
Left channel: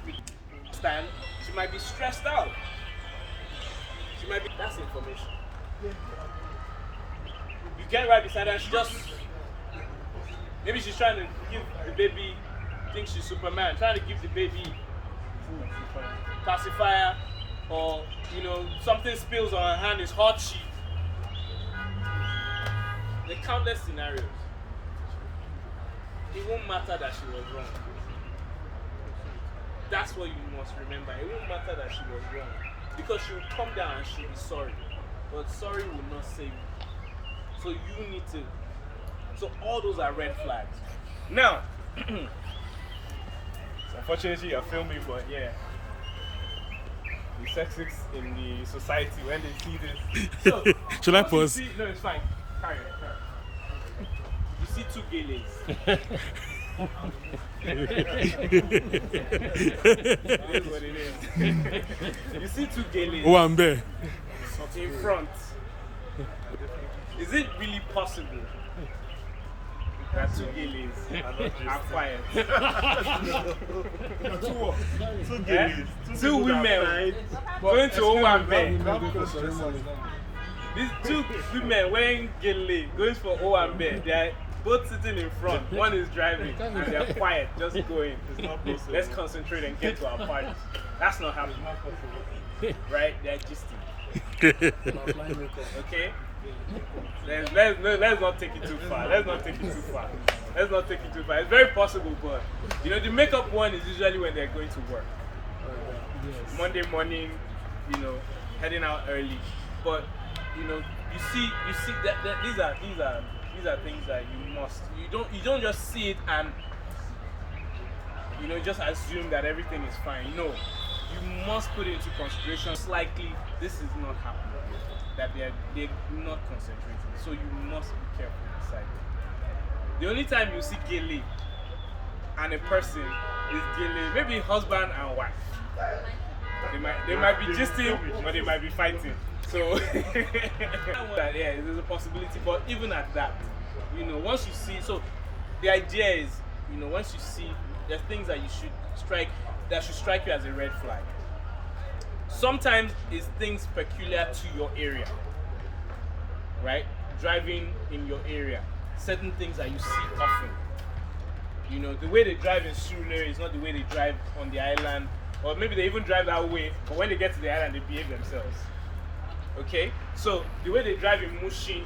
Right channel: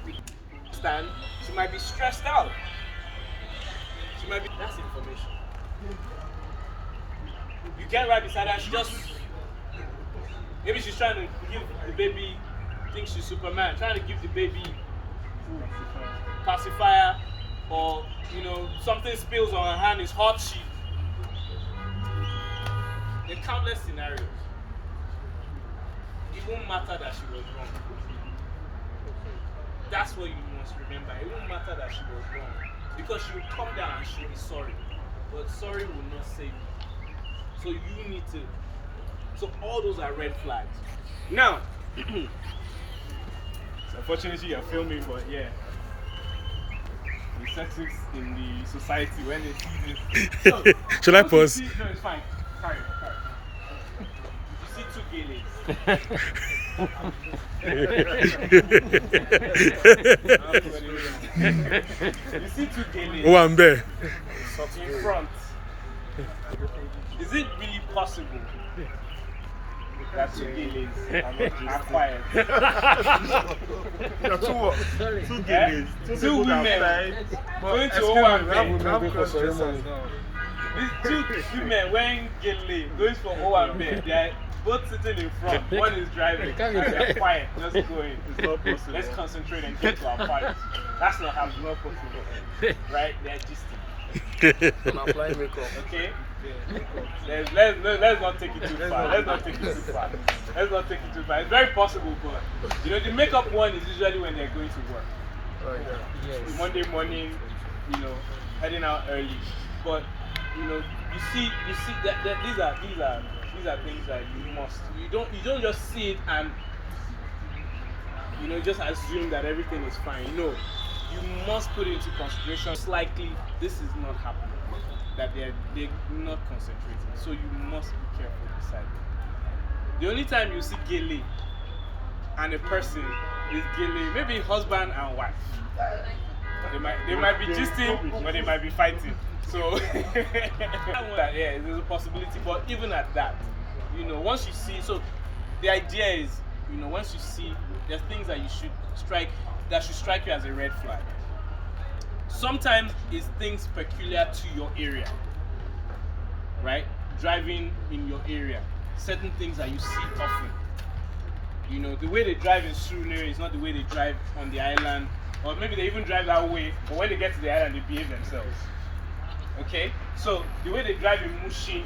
Understand? She might be stressed out. She might be. That's information. You get right beside her, she just. Maybe she's trying to give the baby, thinks she's Superman, trying to give the baby food, pacifier, or something spills on her hand, it's hot. There are countless scenarios. It won't matter that she was wrong. That's what you must remember. It won't matter that she was wrong. Because she will come down and she'll be sorry. But sorry will not save you. So you need to. So all those are red flags. Now, so unfortunately you're filming, but yeah. The sexists in the society, when they see this. So, Should I once you pause? see- no, it's fine. Carry on. You see two gay ladies. You see two gay ladies Oh, I'm there. in front. Is it really possible That two gillies are quiet. You're too what? Two Eh? gillies, Two people that women fight. going to Excuse me, Owambe. we have cross-dressers now. These two women wearing gilly going for Owambe. They're both sitting in front. One is driving. And they're quiet, just going. It's not possible. Let's concentrate and get to our party. That's not happening. Not possible. Right? They're gisting. I'm applying makeup. Okay? Let's not take it too far. Let's not take it too far. Let's not take it too far. It's very possible, but you know, the makeup one is usually when they're going to work. Monday morning, you know, heading out early. But you know, you see that these are things that you don't just see it and you know just assume that everything is fine. No, you must put it into consideration. It's likely this is not happening, that they're not concentrating. So you must be careful inside. The only time you see gele and a person is gele, maybe husband and wife. They might be gisting, but they might be fighting. So yeah, there's a possibility. But even at that, you know, once you see, so the idea is, you know, once you see, there's things that you should strike that should strike you as a red flag. Sometimes it's things peculiar to your area, right? Driving in your area, certain things that you see often. You know, the way they drive in Surulere is not the way they drive on the island, or maybe they even drive that way, but when they get to the island, they behave themselves. Okay? So, the way they drive in Mushin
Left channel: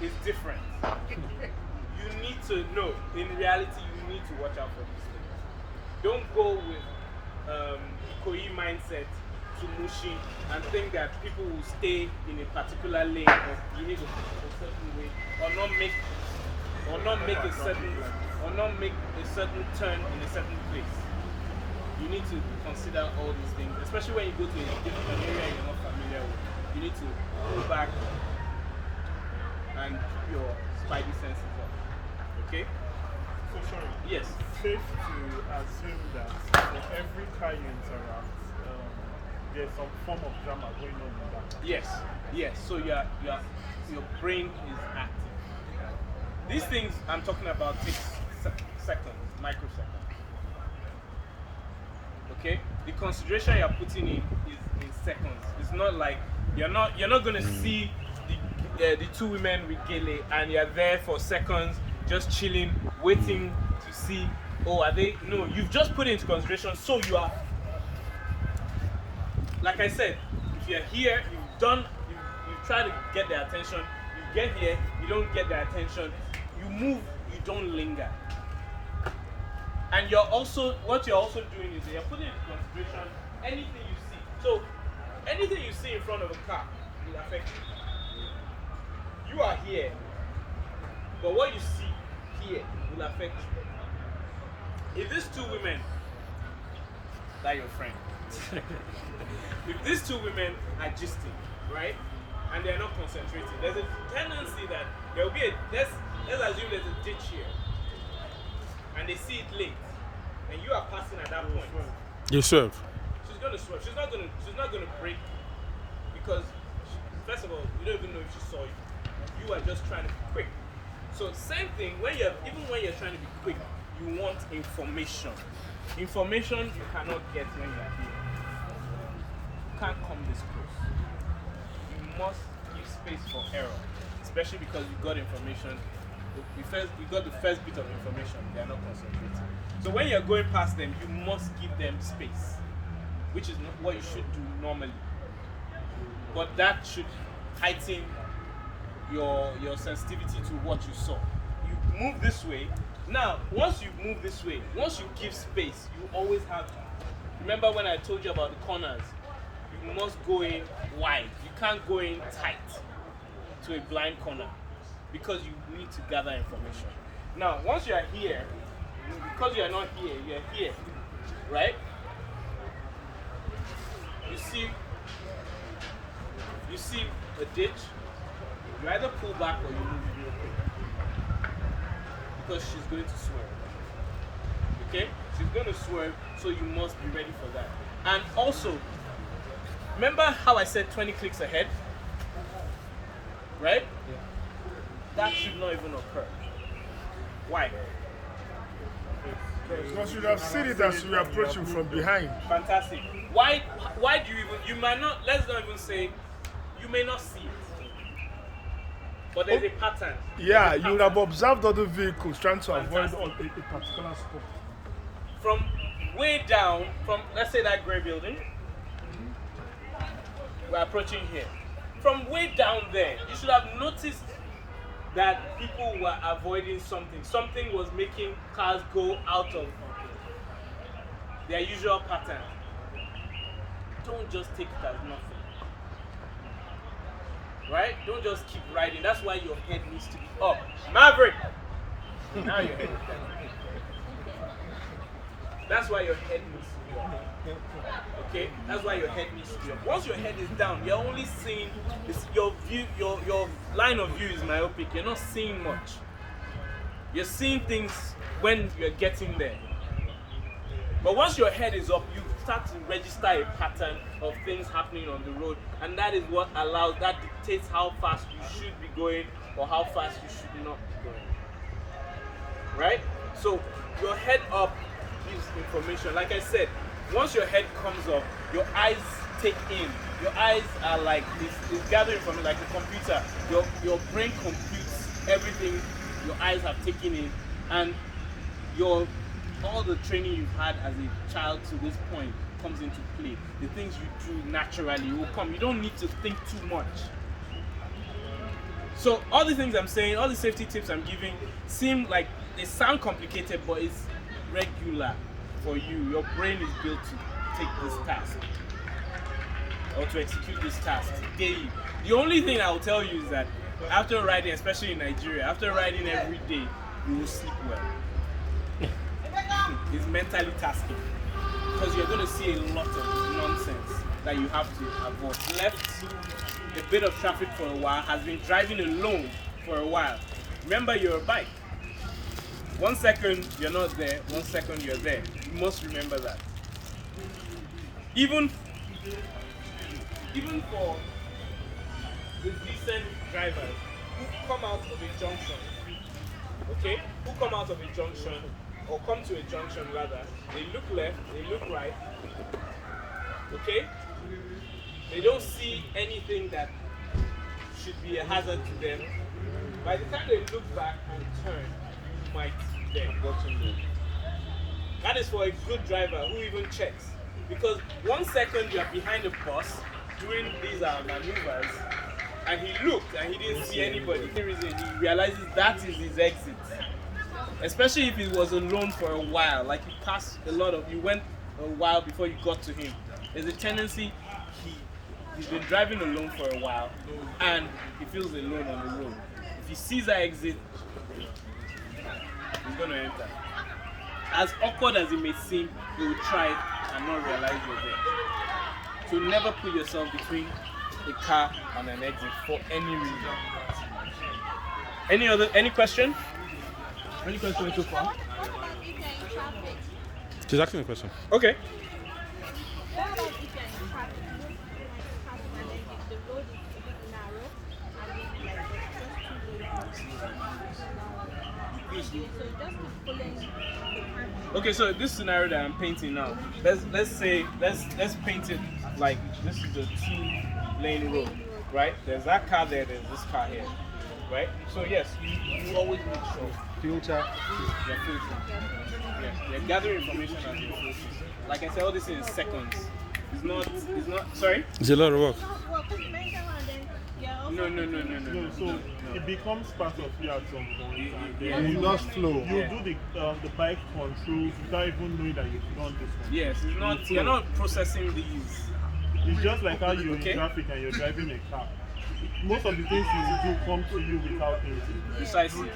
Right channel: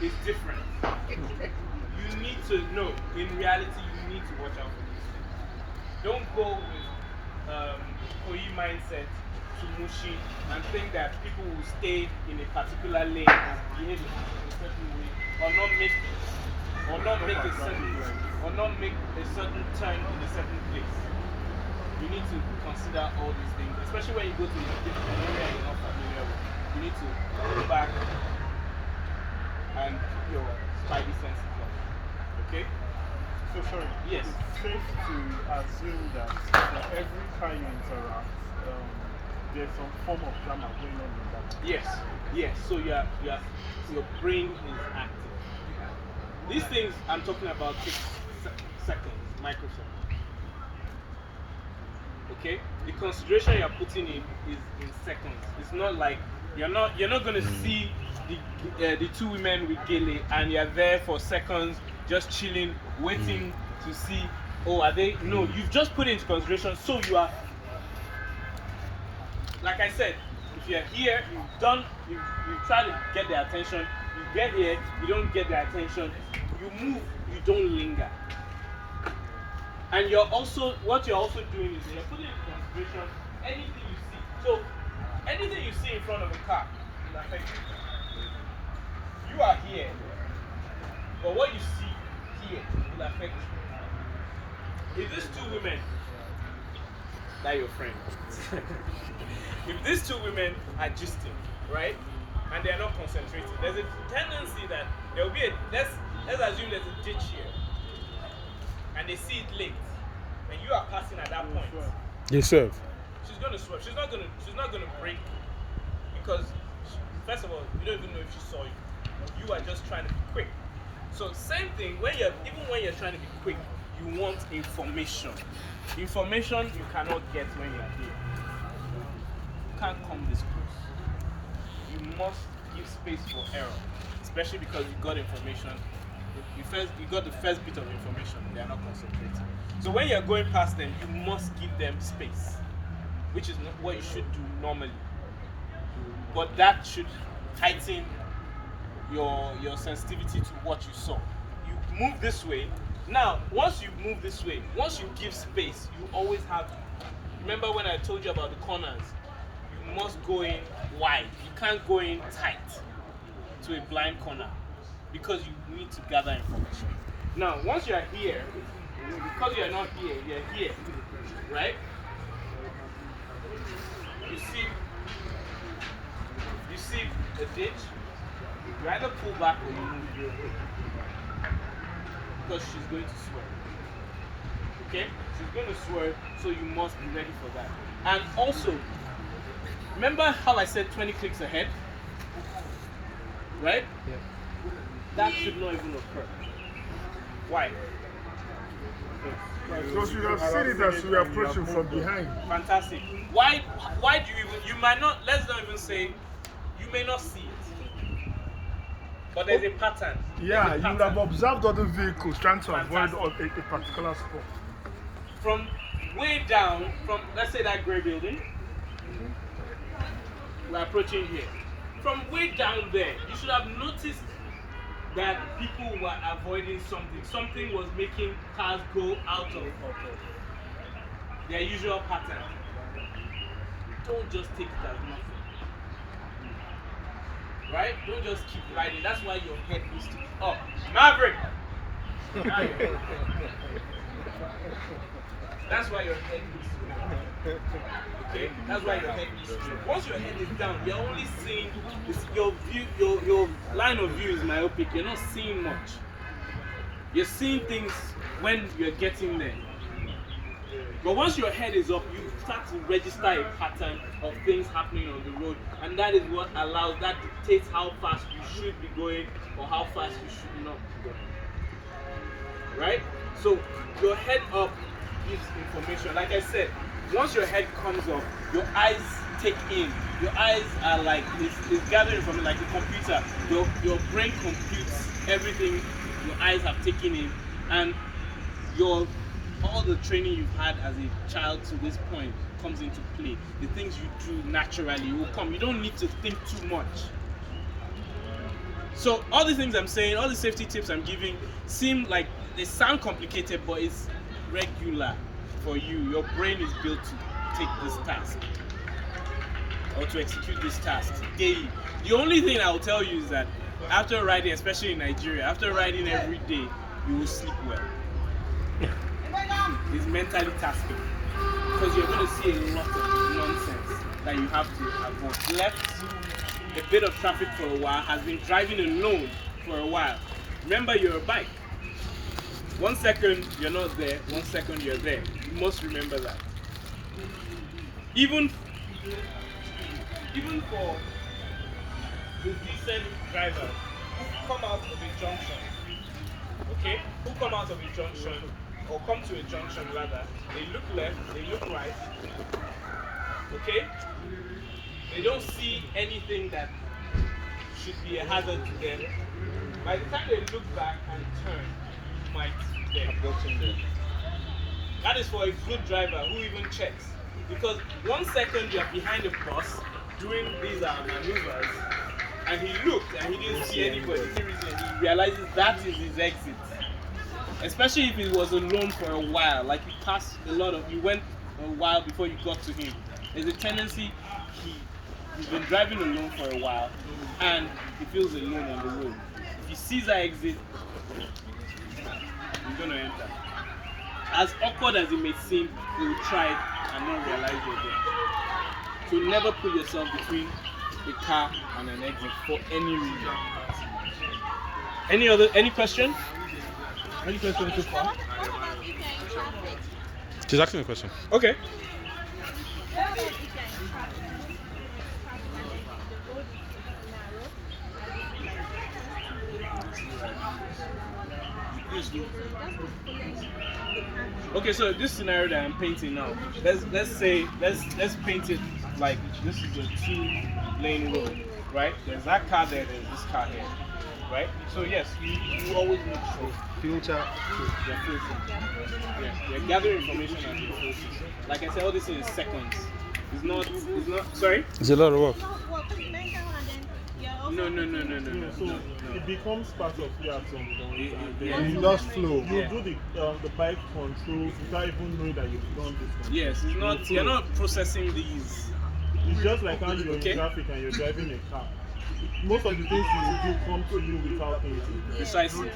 is different. You need to know, in reality, you need to watch out for these things. Don't go with Koi mindset to Mushin and think that people will stay in a particular lane or behave in a certain way, or not make a certain turn in a certain place. You need to consider all these things, especially when you go to a different area you're not familiar with. You need to go back and keep your spidey senses up. Okay? So sorry. Yes. Safe to assume that for every car you interact, there's some form of drama going on in that. Yes. So your brain is active. These things I'm talking about take seconds, microseconds. Okay? The consideration you're putting in is in seconds. It's not like you're not gonna see the two women with gele and you're there for seconds just chilling, waiting to see, oh, are they? No, you've just put it into consideration, so you are, like I said, if you're here, you've tried to get their attention, you get here, you don't get their attention, you move, you don't linger. And what you're also doing is you're putting into consideration anything you see. So anything you see in front of a car will affect you. You are here, but what you see here will affect you. If these two women, like your friend, if these two women are gisting, right, and they're not concentrating, there's a tendency that there will be let's assume there's a ditch here, and they see it late, and you are passing at that point. You swerve. She's gonna swerve. She's not gonna brake because first of all, you don't even know if she saw you. You are just trying to be quick. So same thing even when you're trying to be quick, you want information. Information you cannot get when you're here. You can't come this close. You must give space for error, especially because you got information. You got the first bit of information. They are not concentrating. So when you're going past them, you must give them space, which is not what you should do normally. But that should heighten your sensitivity to what you saw. You move this way. Now, once you move this way, once you give space, you always have. Remember when I told you about the corners? You must go in wide. You can't go in tight to a blind corner because you need to gather information. Now, once you are here, because you are not here, you are here, right? You see a ditch. You either pull back or you move because she's going to swerve. Okay? She's going to swerve, so you must be ready for that. And also, remember how I said 20 clicks ahead? Right? Yeah. That should not even occur. Why? Because you have seen it as we are approaching from behind. Fantastic. Why do you even, you might not, let's not even say, you may not see it. But there's a pattern. Yeah, There's a you would have pattern. observed other vehicles trying to avoid Fantastic. a particular spot. From way down, from let's say that grey building, we're approaching here. From way down there, you should have noticed that people were avoiding something. Something was making cars go out of their usual pattern. Don't just take it as nothing. Right? Don't just keep riding. That's why your head needs to be up. Maverick! Now your head. That's why your head needs to be up. Okay? That's why your head needs to be up. Once your head is down, you're only seeing your view, your line of view is myopic. You're not seeing much. You're seeing things when you're getting there. But once your head is up, you start to register a pattern of things happening on the road, and that is what allows, that dictates how fast you should be going or how fast you should not be going. Right? So your head up gives information. Like I said, once your head comes up, your eyes take in. Your eyes are like this gathering from like a computer. Your brain computes everything your eyes have taken in, and all the training you've had as a child to this point comes into play. The things you do naturally will come. You don't need to think too much. So all the things I'm saying, all the safety tips I'm giving seem like they sound complicated, but it's regular for you. Your brain is built to take this task or to execute this task daily. The only thing I will tell you is that after riding, especially in Nigeria, after riding every day, you will sleep well. It's mentally tasking because you're going to see a lot of nonsense that you have to avoid. Left a bit of traffic for a while, has been driving alone for a while. Remember, you're a bike. 1 second you're not there, 1 second you're there. You must remember that. Even for the decent drivers who come out of a junction, okay, who come out of a junction or come to a junction rather, they look left, they look right, okay? They don't see anything that should be a hazard to them. By the time they look back and turn, you might be there. That is for a good driver who even checks. Because 1 second you're behind a bus doing these maneuvers, and he looked and he didn't see anybody. For some reason, he realizes that is his exit. Especially if he was alone for a while, like you passed you went a while before you got to him. There's a tendency he's been driving alone for a while and he feels alone on the road. If he sees that exit, he's gonna enter. As awkward as it may seem, you will try it and not realize you're there. So never put yourself between a car and an exit for any reason. Any question? Any question so far? What about if you're in traffic? She's asking a question. Okay. What about if you're in traffic? And then the road is narrow and it's like so you just keep following the camera. Okay, so this scenario that I'm painting now, let's paint it like this is a 2-lane road, right? There's that car there, there's this car here, right? So yes, you always make sure Filter. you're filtering. Yeah, you're gathering information and you're filtering. Like I said, all this is seconds. It's not. Sorry. It's a lot of work. It's not work, it's mental and then you're also No. So it becomes part of you at some point. And Yeah. then You just flow. you do the bike controls without even knowing that you've done this. Yes, it's not. You're not processing these. It's just like how you're Okay. in traffic and you're driving a car. Most of the things you do come to you without thinking. Precisely.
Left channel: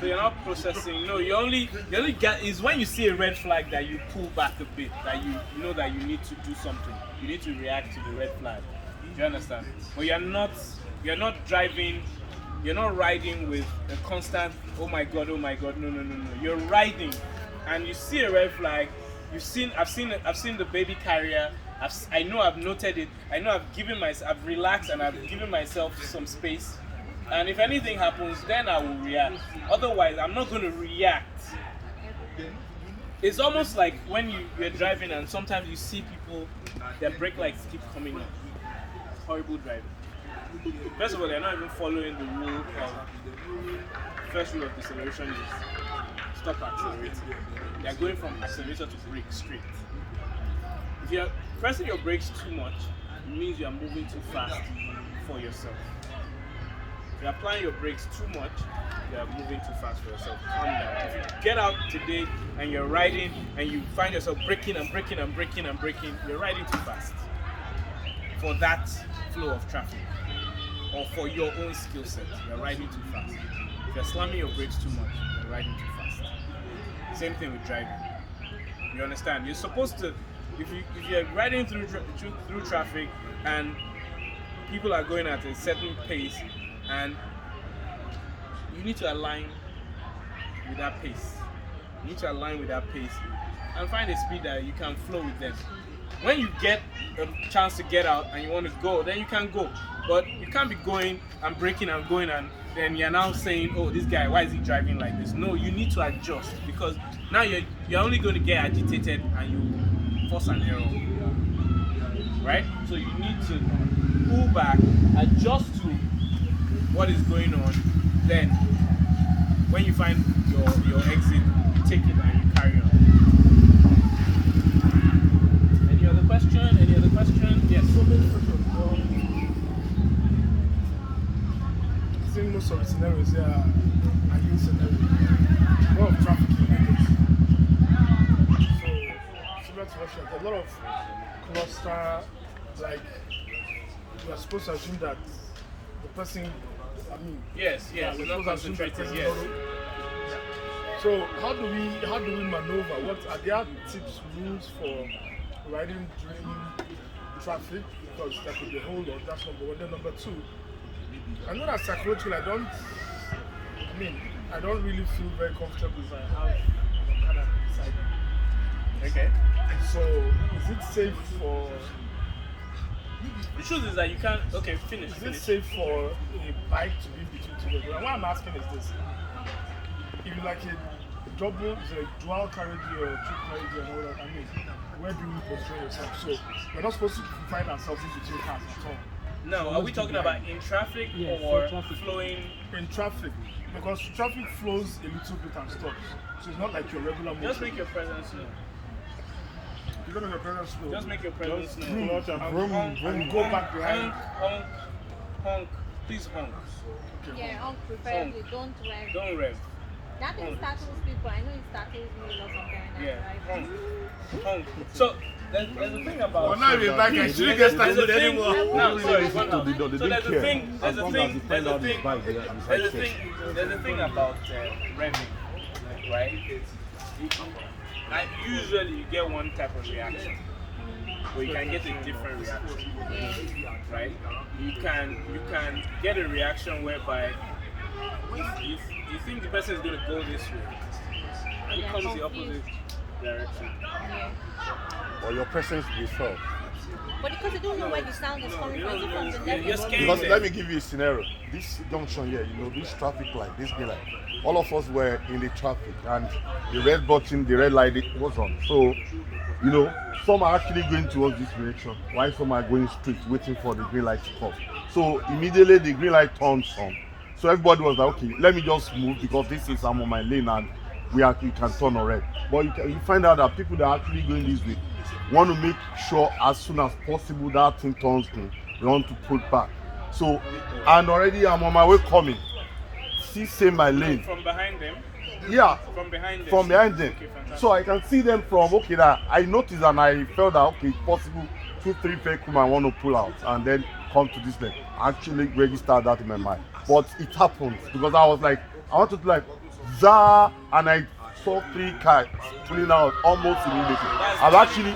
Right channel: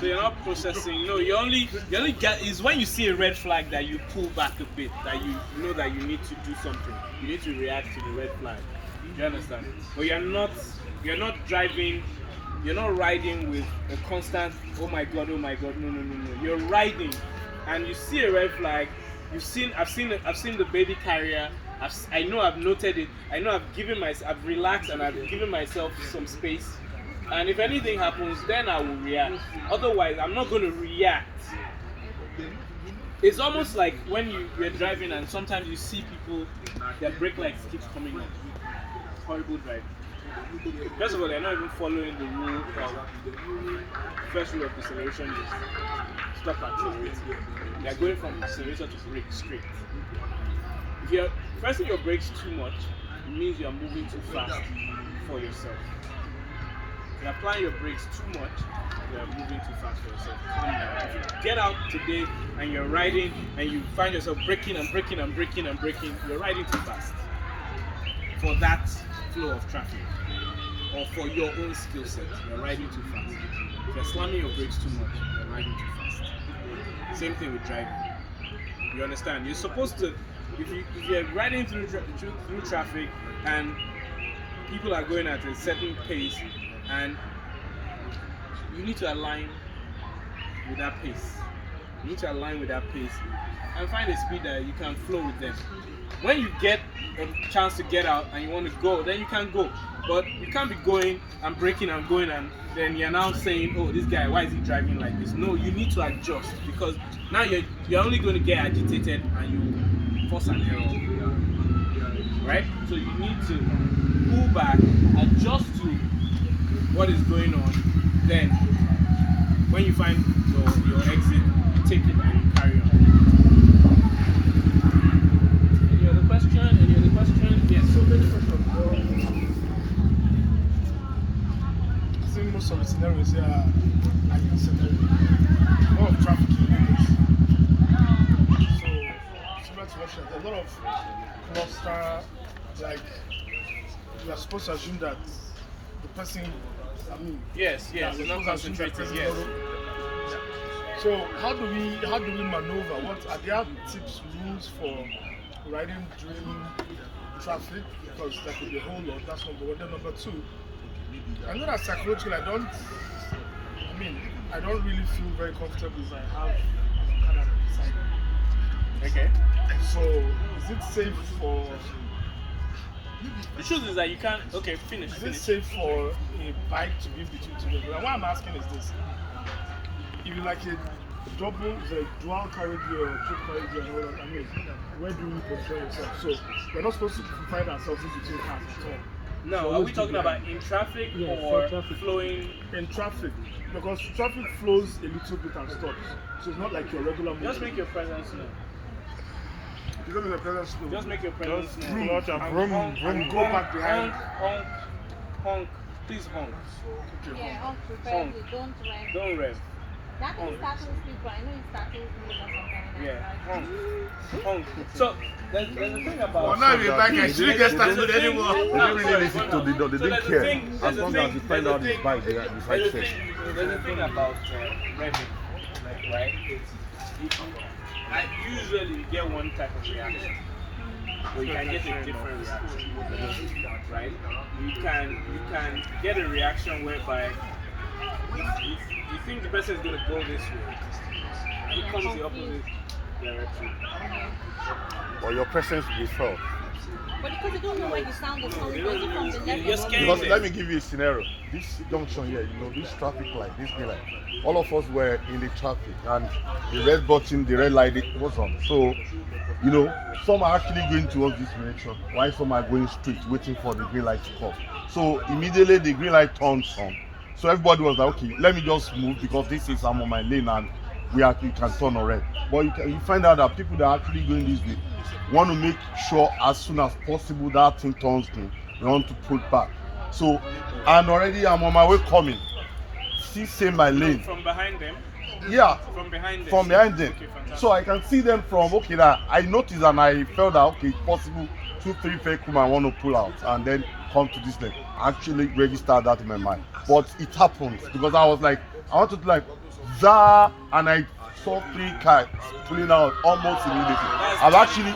So you're not processing. No, you only get is when you see a red flag that you pull back a bit, that you know that you need to do something. You need to react to the red flag. Do you understand? But you're not driving, you're not riding with a constant oh my god, no. You're riding and you see a red flag, I've seen the baby carrier. I know I've noted it. I know I've relaxed and I've given myself some space And if anything happens, then I will react. Otherwise, I'm not going to react. It's almost like when you're driving and sometimes you see people, their brake lights keep coming on. Horrible driving. First of all, they're not even following the rule of first rule of deceleration is stop accelerating. They're going from accelerator to brake straight. If you're pressing your brakes too much, it means you're moving too fast for yourself. If you're applying your brakes too much, you're moving too fast for yourself. Calm down. If you get out today and you're riding and you find yourself braking and braking and braking and braking, you're riding too fast for that flow of traffic. Or for your own skill set, you're riding too fast. If you're slamming your brakes too much, you're riding too fast. Same thing with driving. You understand? You're supposed to, if you're riding through traffic and people are going at a certain pace, and you need to align with that pace. You need to align with that pace and find a speed that you can flow with them. When you get a chance to get out and you want to go, then you can go. But you can't be going and braking and going and then you're now saying, oh, this guy, why is he driving like this? No, you need to adjust because now you're only going to get agitated and you force an error. Right? So you need to pull back, adjust to what is going on. Then when you find your exit, you take it and you carry on. Any other question? Yes. So many questions. I think most of the scenarios here are ideal scenarios. A lot of traffic in Lagos. So, similar to Russia, a lot of cluster, like, we are supposed to assume that the person, Yes, we're not concentrating. Yes. So how do we maneuver? What are there tips, rules for riding during traffic? Because there could be a whole lot. That's number one. Then number two, I know that psychologically I don't really feel very comfortable if I have an Okada beside me. Okay. So is it safe for? The truth is that you can't. Okay, finish. Is it safe for a bike to be between two vehicles? And what I'm asking is this: if you like a double, the dual carriage or two carriage and all that, where do you position yourself? So we're not supposed to find ourselves in between cars at all. No, So are we talking about in traffic or flowing? In traffic, because traffic flows a little bit and stops. So it's not like your regular movement. Just make your presence known. You don't make your presence slow. Just make your presence known. Clutch and vroom, vroom, And go back behind. Honk. Please honk. Yeah, honk preferably. Don't rev. Don't rev. That thing startles people. I know it startles me a lot of times. Yeah, honk. So there's a thing about. Well, now you're back and shouldn't get started anymore. They don't really listen to they didn't care. As long as they find out his bike, they decide to. There's a thing about revving, right? Like usually you get one type of reaction, but you can get a different reaction, right? You can get a reaction whereby you think the person is going to go this way, and it comes the opposite direction. Or your presence will be felt. But because you don't know where the sound is coming from, is it from the left You're or scared. Because let me give you a scenario. This junction here, this traffic light, this green light. All of us were in the traffic and the red button, the red light was on. So, some are actually going towards this direction, while some are going straight, waiting for the green light to come. So immediately the green light turns on. So everybody was like, okay, let me just move because I'm on my lane and you can turn on red. But you find out that people that are actually going this way want to make sure as soon as possible that thing turns green. They want to pull back. So, and already I'm on my way coming. See, say my lane. From behind them? Yeah. From behind them? From behind them. Okay, fantastic. So I can see them from, that I noticed and I felt that, it's possible 2-3 vehicles might want to pull out and then come to this lane. I actually registered that in my mind. But it happened because I was like, I wanted to za, and I saw 3 cars pulling out almost immediately. I've actually,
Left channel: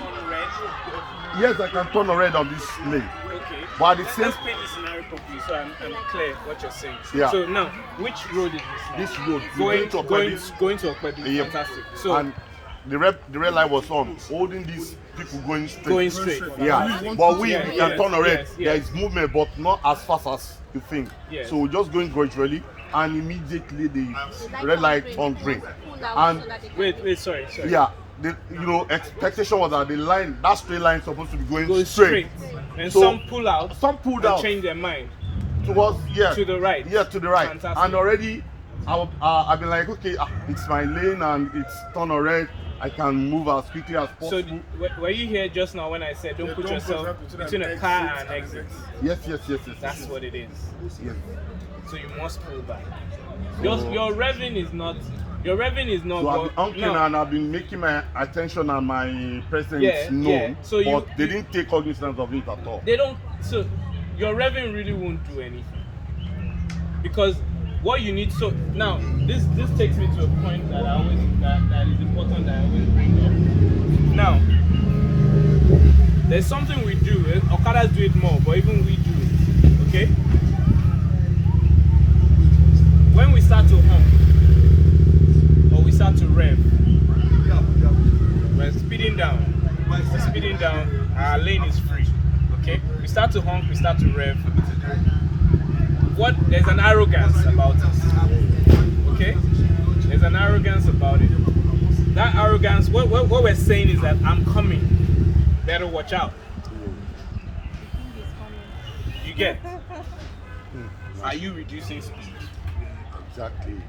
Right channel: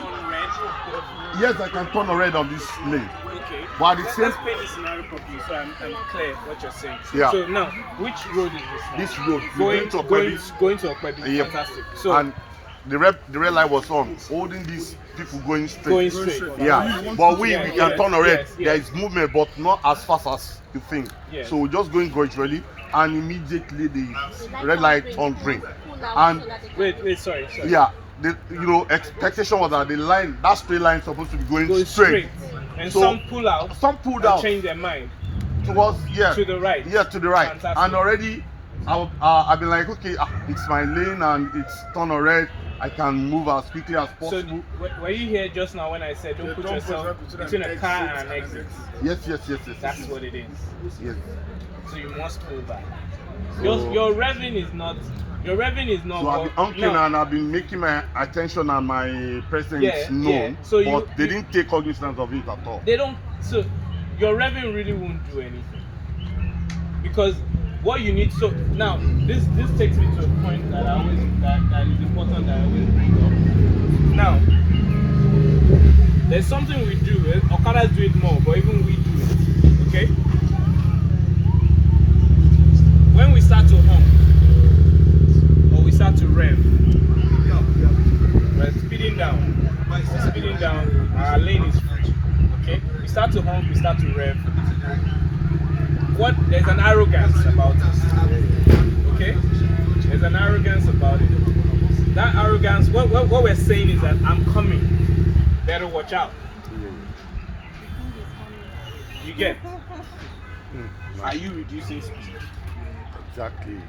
yes, I can turn on red on this lane. Okay. But at the same, Let's paint the scenario properly so I'm clear what you're saying. Yeah. So now, which road is this? this road, Going to Okwebi. Okwebi. Yeah. Fantastic. So And the red light was on, holding these people going straight. Going straight. Yeah, but we Yeah, can yes, turn on red. yes, There yes. is movement, but not as fast as you think. Yes. So we're just going gradually, and immediately the Like red light pull on green. out And so that they can Wait, sorry. yeah, expectation was that that straight line is supposed to be going Go straight. And So, some pull out. Some pulled and out change their mind. towards To the right. Yeah, to the right. Fantastic. And already, I've been like, okay, it's my lane and it's turn on red. I can move as quickly as So possible. were you here just now when I said don't put yourself between a car and exit? Yes. That's what it is. Yes. So you must pull back. So- Your revving is not. Your revving is not. So I've been honking no. and I've been making my attention and my presence Yeah, known, yeah. So but they didn't take cognizance of it at all. They don't. So your revving really won't do anything because what you need. So now this takes me to a point that that is important that I always bring up. Now there's something we do. Okadas do it more, but even we do it. Okay. When we start to hum or we start to rev, we're speeding down. Speeding down. Our lane is free. Okay. We start to honk. We start to rev. There's an arrogance about it. Okay. There's an arrogance about it. That arrogance. What we're saying is that I'm coming. Better watch out. You get? Are you reducing speed? Exactly.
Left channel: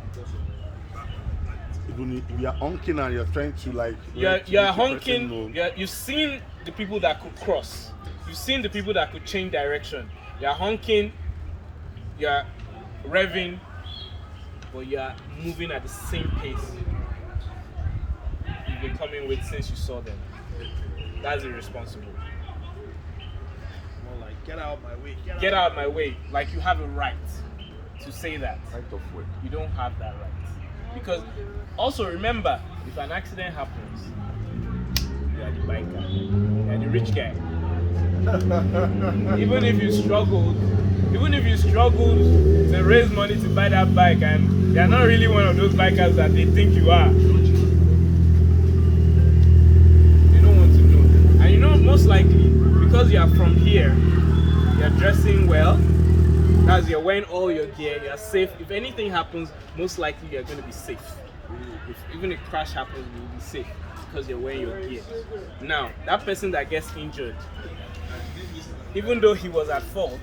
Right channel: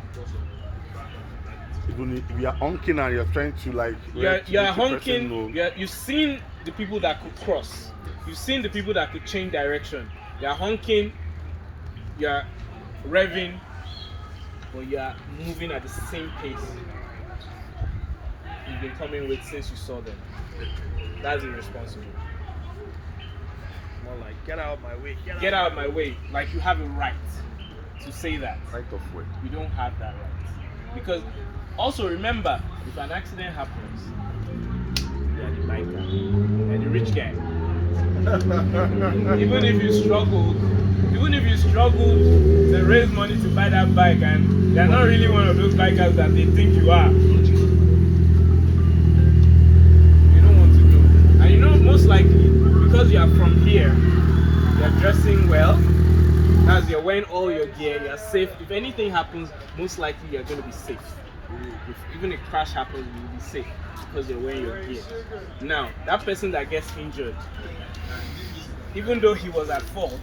Even if we are honking and you're trying to like You're let the person honking. know. You've seen the people that could cross. You've seen the people that could change direction. You're honking. You're revving, but you're moving at the same pace you've been coming with since you saw them. That's irresponsible. More like, get out of my way. Get out of my way. Like you have a right to say that. Right of way. You don't have that right. Because also remember, if an accident happens, you are the biker. You are the rich guy. Even if you struggled to raise money to buy that bike and you're not really one of those bikers that they think you are, you don't want to know. And you know, most likely, because you are from here, you're dressing well, as you're wearing all your gear, you're safe. If anything happens, most likely you're going to be safe. If even a crash happens, you'll be safe because you're wearing your gear. Now, that person that gets injured, even though he was at fault,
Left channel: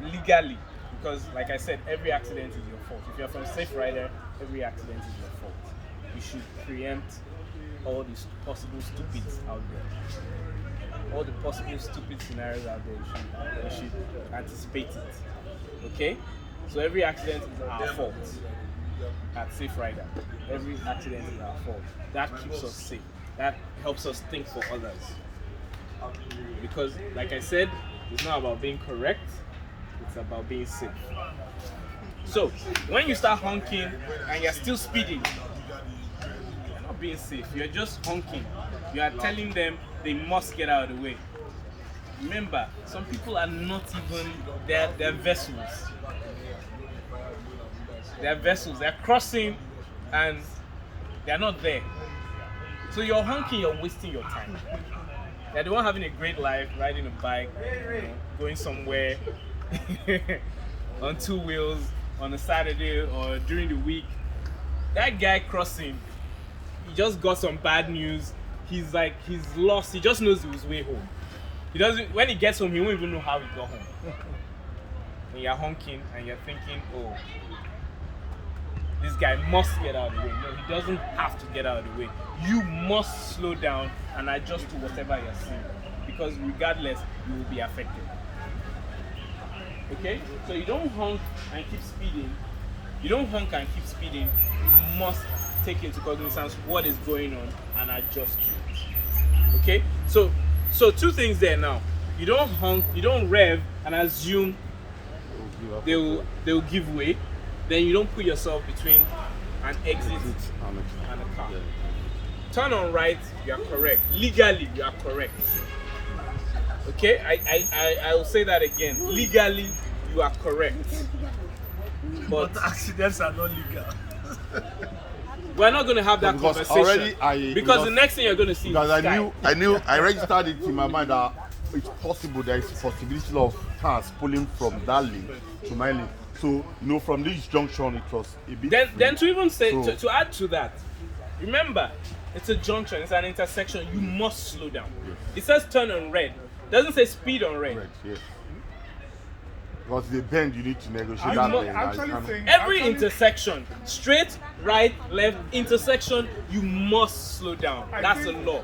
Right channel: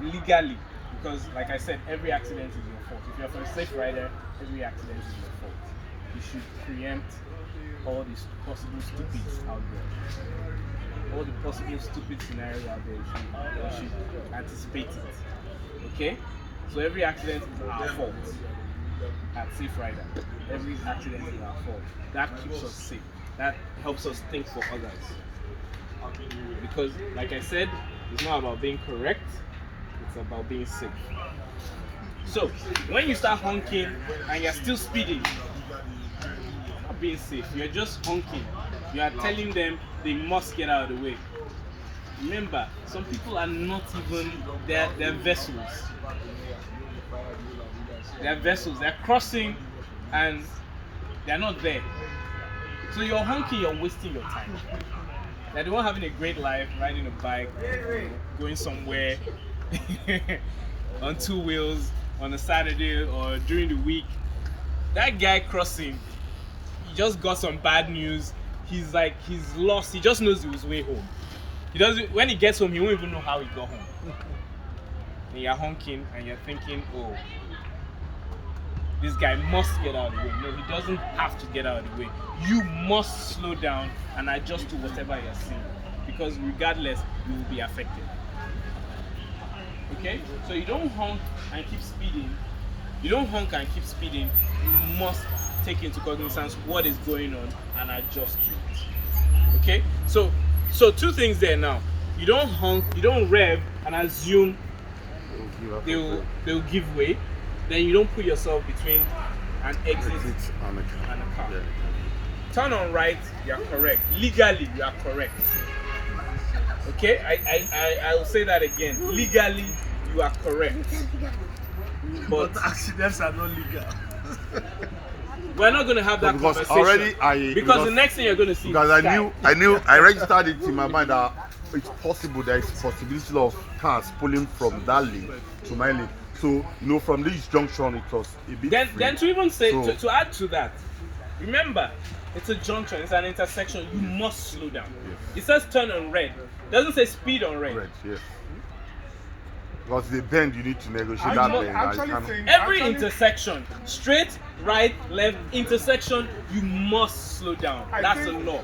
legally, because like I said, every accident is your fault. If you're from Saferider, every accident is your fault. You should preempt all these possible stupids out there. All the possible stupid scenarios out there, you should anticipate it. Okay? So every accident is our fault at Saferider. Every accident is our fault. That keeps us safe. That helps us think for others. Because, like I said, it's not about being correct, it's about being safe. So, when you start honking and you're still speeding, you're not being safe, you're just honking. You are telling them they must get out of the way. Remember, some people are not even, they're vessels. They're vessels, they're crossing and they're not there. So you're honking, you're wasting your time. You're the one having a great life, riding a bike, going somewhere on 2 wheels on a Saturday or during the week. That guy crossing, he just got some bad news. He's lost. He just knows he was way home. He doesn't. When he gets home, he won't even know how he got home. And you're honking and you're thinking, oh, this guy must get out of the way. No, he doesn't have to get out of the way. You must slow down and adjust to whatever you're seeing, because regardless, you will be affected. Okay? So you don't honk and keep speeding. You must take into cognizance what is going on and adjust to it. Okay? So 2 things there now. You don't honk, you don't rev and assume they will give way. Then you don't put yourself between an exit and a car. Yeah. Turn on right, you are correct. Legally, you are correct. Okay? I will say that again. Legally, you are correct. But accidents are not legal. We're not going to have that Because conversation. already because the next thing you're going to see because is I sky. knew I registered it in my mind that it's possible there is possibility of cars pulling from that lane to my lane. So you know, from this junction it was a bit free. Then to even say So- to add to that, remember, it's a junction, it's an intersection. You must slow down. Yes. It says turn on red. Doesn't say speed on red. Right, yes. Because the bend you need to negotiate I that don't bend. actually and- think Every actually- intersection, straight, right, left, intersection, you must slow down. I That's a think- law.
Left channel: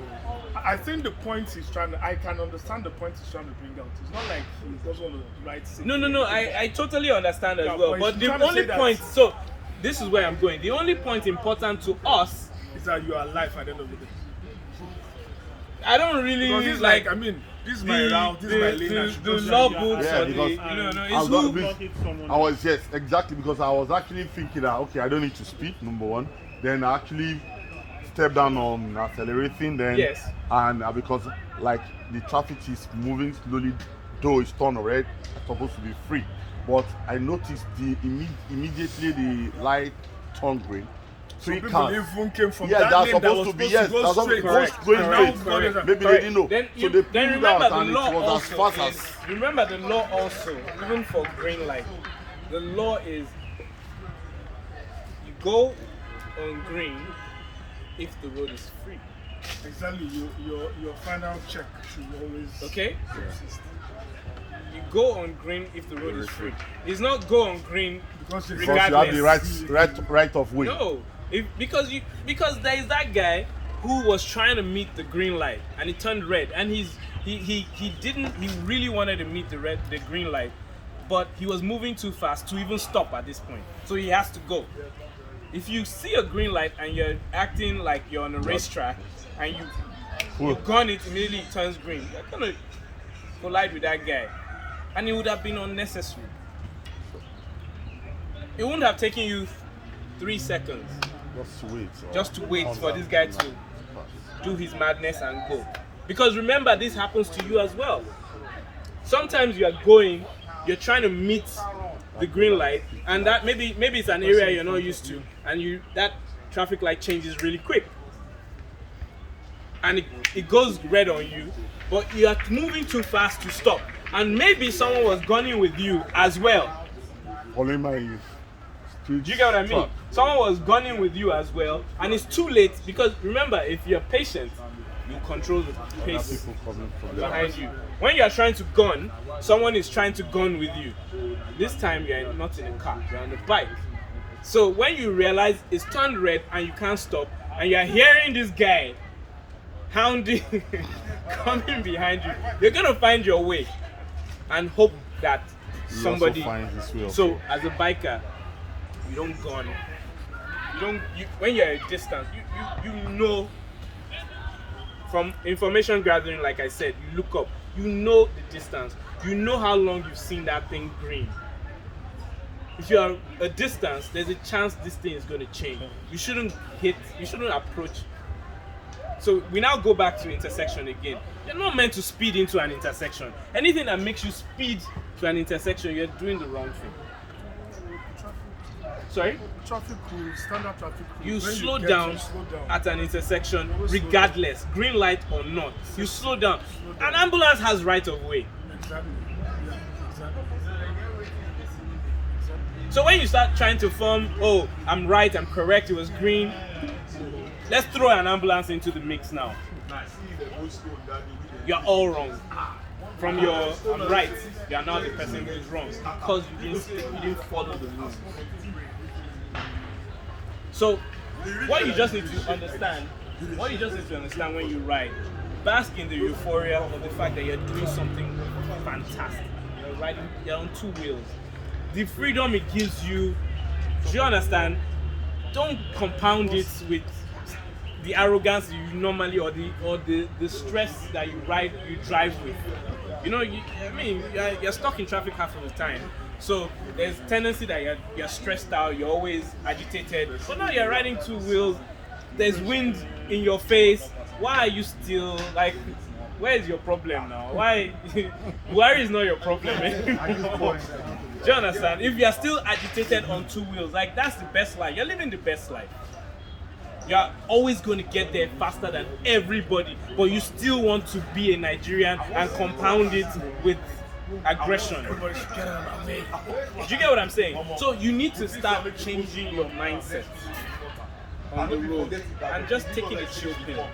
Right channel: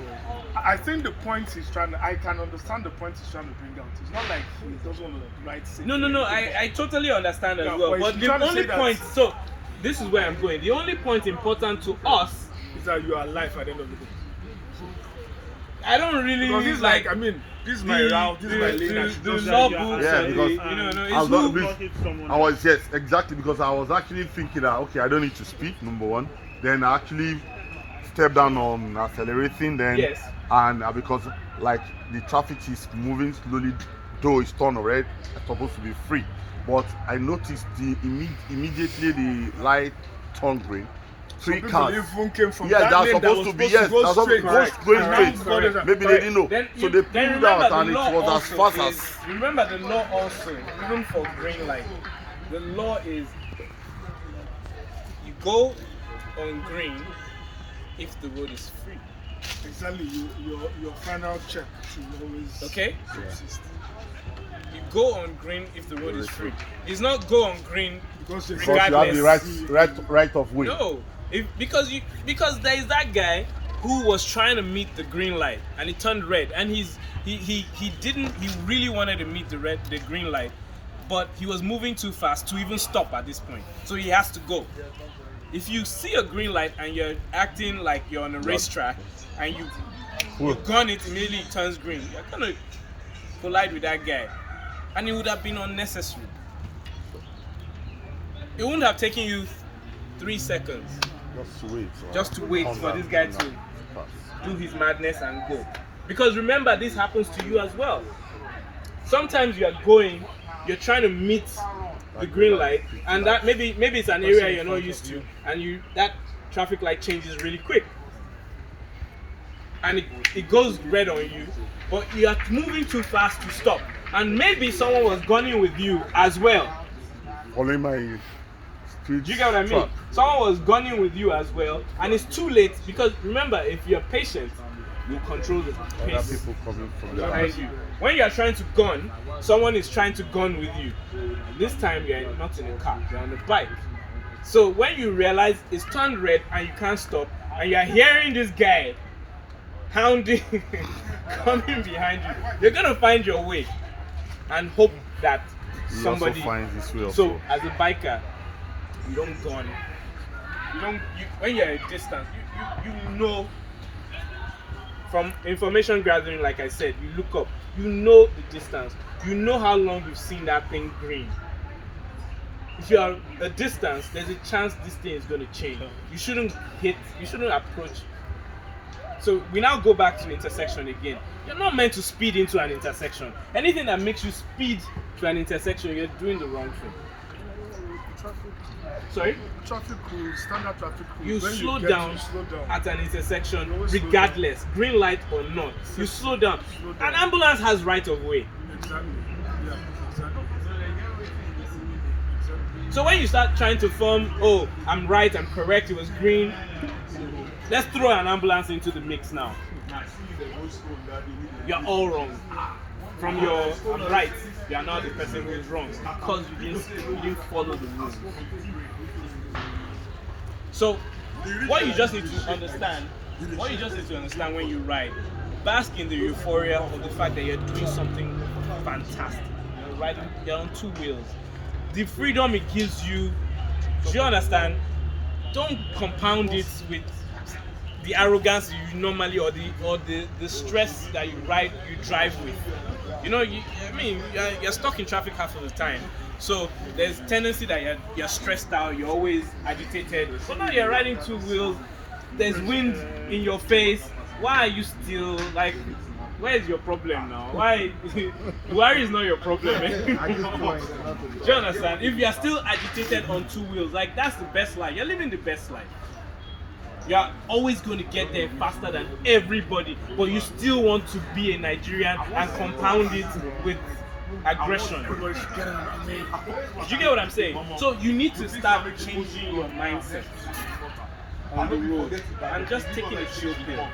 I think the point he's trying to, I can understand the point he's trying to bring out. It's not like he doesn't want to write safety. No. I totally understand as Yeah, well. but But he's the trying to only say that- point, so this is where I'm going. The only point important to us, Is that you are alive at the end of the day. I don't really Because it's like, I mean, this is my route, this is my lane. I should the go there, law you are books, Yeah, and because no, I it's was not- who, this- Hit someone I was, yes, exactly, because I was actually thinking that okay, I don't need to speed, number one. Then I actually step down on accelerating, then Yes. and because like the traffic is moving slowly, though it's turned red, it's supposed to be free. But I noticed immediately the light turned green. Three Some cars. people even came from Yeah, that that's lane supposed was to be, supposed yes, go that's supposed to straight. go Correct. going Correct. straight. Correct. Maybe they Correct. didn't know. Then So you- they then pulled remember out the and it law was as also fast is- as Remember the law also, even for green light, the law is you go on green if the road is free. Exactly, your final check should always Okay? subsist. You go on green if the road is free. It's not go on green Because because you have the right of way. No, because there is that guy who was trying to meet the green light and it turned red, and he really wanted to meet the green light, but he was moving too fast to even stop at this point, so he has to go. If you see a green light and you're acting like you're on a racetrack and you gun it, immediately it turns green, you're gonna collide with that guy, and it would have been unnecessary. It wouldn't have taken you 3 seconds Just to wait. for this guy to do his madness and go. Because remember, this happens to you as well. Sometimes you are going, you're trying to meet the green light, and that maybe it's an area you're not used to, and that traffic light changes really quick, and it goes red on you, but you are moving too fast to stop, and maybe someone was gunning with you as well. Following my speed. Do you get what I mean? track. Someone was gunning with you as well, and it's too late because remember, if you're patient, you control the Other pace people coming from the behind back. you. When you're trying to gun, someone is trying to gun with you. This time you're not in a car, you're on a bike. So when you realize it's turned red and you can't stop, and you're hearing this guy hounding, coming behind you, you're gonna find your way and hope that He somebody. also finds his way also. So as a biker, you don't gun. When you're at a distance, you know. From information gathering, like I said, you look up, you know the distance, you know how long you've seen that thing green. If you are a distance, there's a chance this thing is going to change. You shouldn't approach. So we now go back to intersection again. You're not meant to speed into an intersection. Anything that makes you speed to an intersection, you're doing the wrong thing. Sorry? Traffic rules, standard traffic rules. You When slow get down to slow down. at an intersection always slow regardless, green light or not. You slow down. An ambulance has right of way. Exactly. Yeah, exactly. So when you start trying to form, oh, I'm right, I'm correct, it was green, let's throw an ambulance into the mix now. You're all wrong. From your right, you are now the person who is wrong because you didn't follow the rules. So what you just need to understand when you ride, bask in the euphoria of the fact that you're doing something fantastic. You're on two wheels. The freedom it gives you, do you understand? Don't compound it with the arrogance you normally or the stress that you drive with. You know, you're stuck in traffic half of the time. So there's tendency that you're stressed out, you're always agitated. So now you're riding two wheels, there's wind in your face. Why are you still like, where is your problem now? Why worry is not your problem anymore. Do you understand? If you're still agitated on two wheels, like that's the best life. You're living the best life. You're always going to get there faster than everybody, but you still want to be a Nigerian and compound it with aggression. Everybody should get on me. Do you get what I'm saying? So you need to start changing your mindset on the road and just taking a chill pill.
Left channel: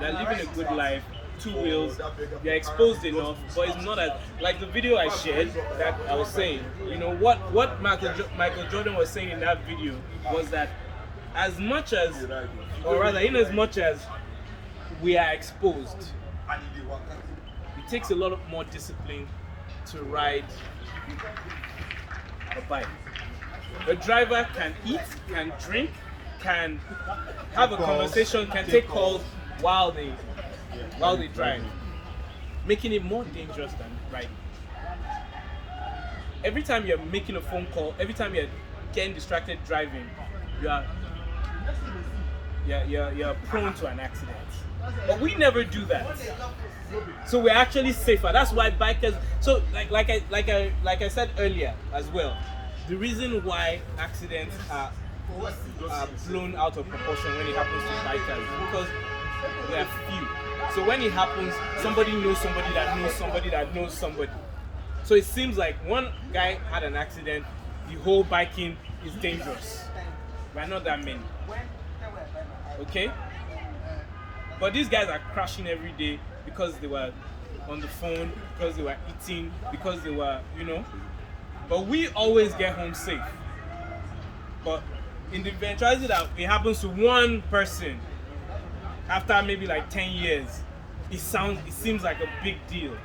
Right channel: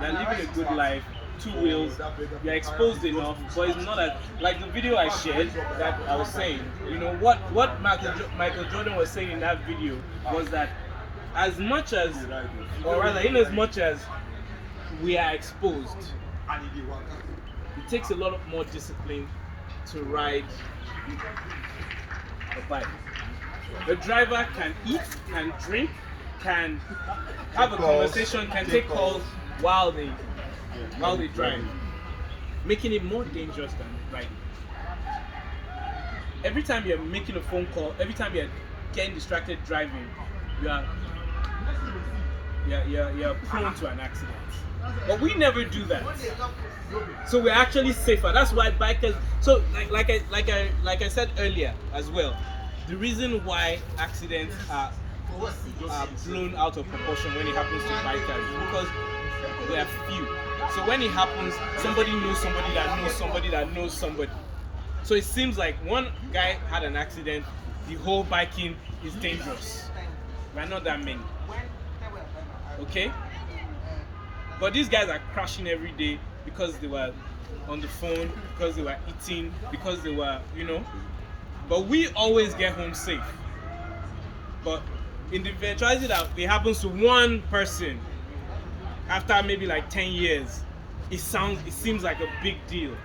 You're living a good life, 2 wheels, you're exposed enough, but it's not as like the video I shared that I was saying. You know what Michael Jordan was saying in that video was that as much as, or rather, in as much as we are exposed, it takes a lot more discipline to ride a bike. A driver can eat, can drink, can have a conversation, can take calls while they drive, making it more dangerous than riding. Every time you're making a phone call, every time you're getting distracted driving, you're prone to an accident. But we never do that. So we're actually safer. That's why bikers. So like I said earlier as well, the reason why accidents are blown out of proportion when it happens to bikers is because we are few. So when it happens, somebody knows somebody that knows somebody that knows somebody. So it seems like one guy had an accident, the whole biking is dangerous. We're not that many. Okay? But these guys are crashing every day because they were on the phone, because they were eating, because they were, But we always get home safe. But in the eventuality that it happens to one person, after maybe like 10 years, it seems like a big deal.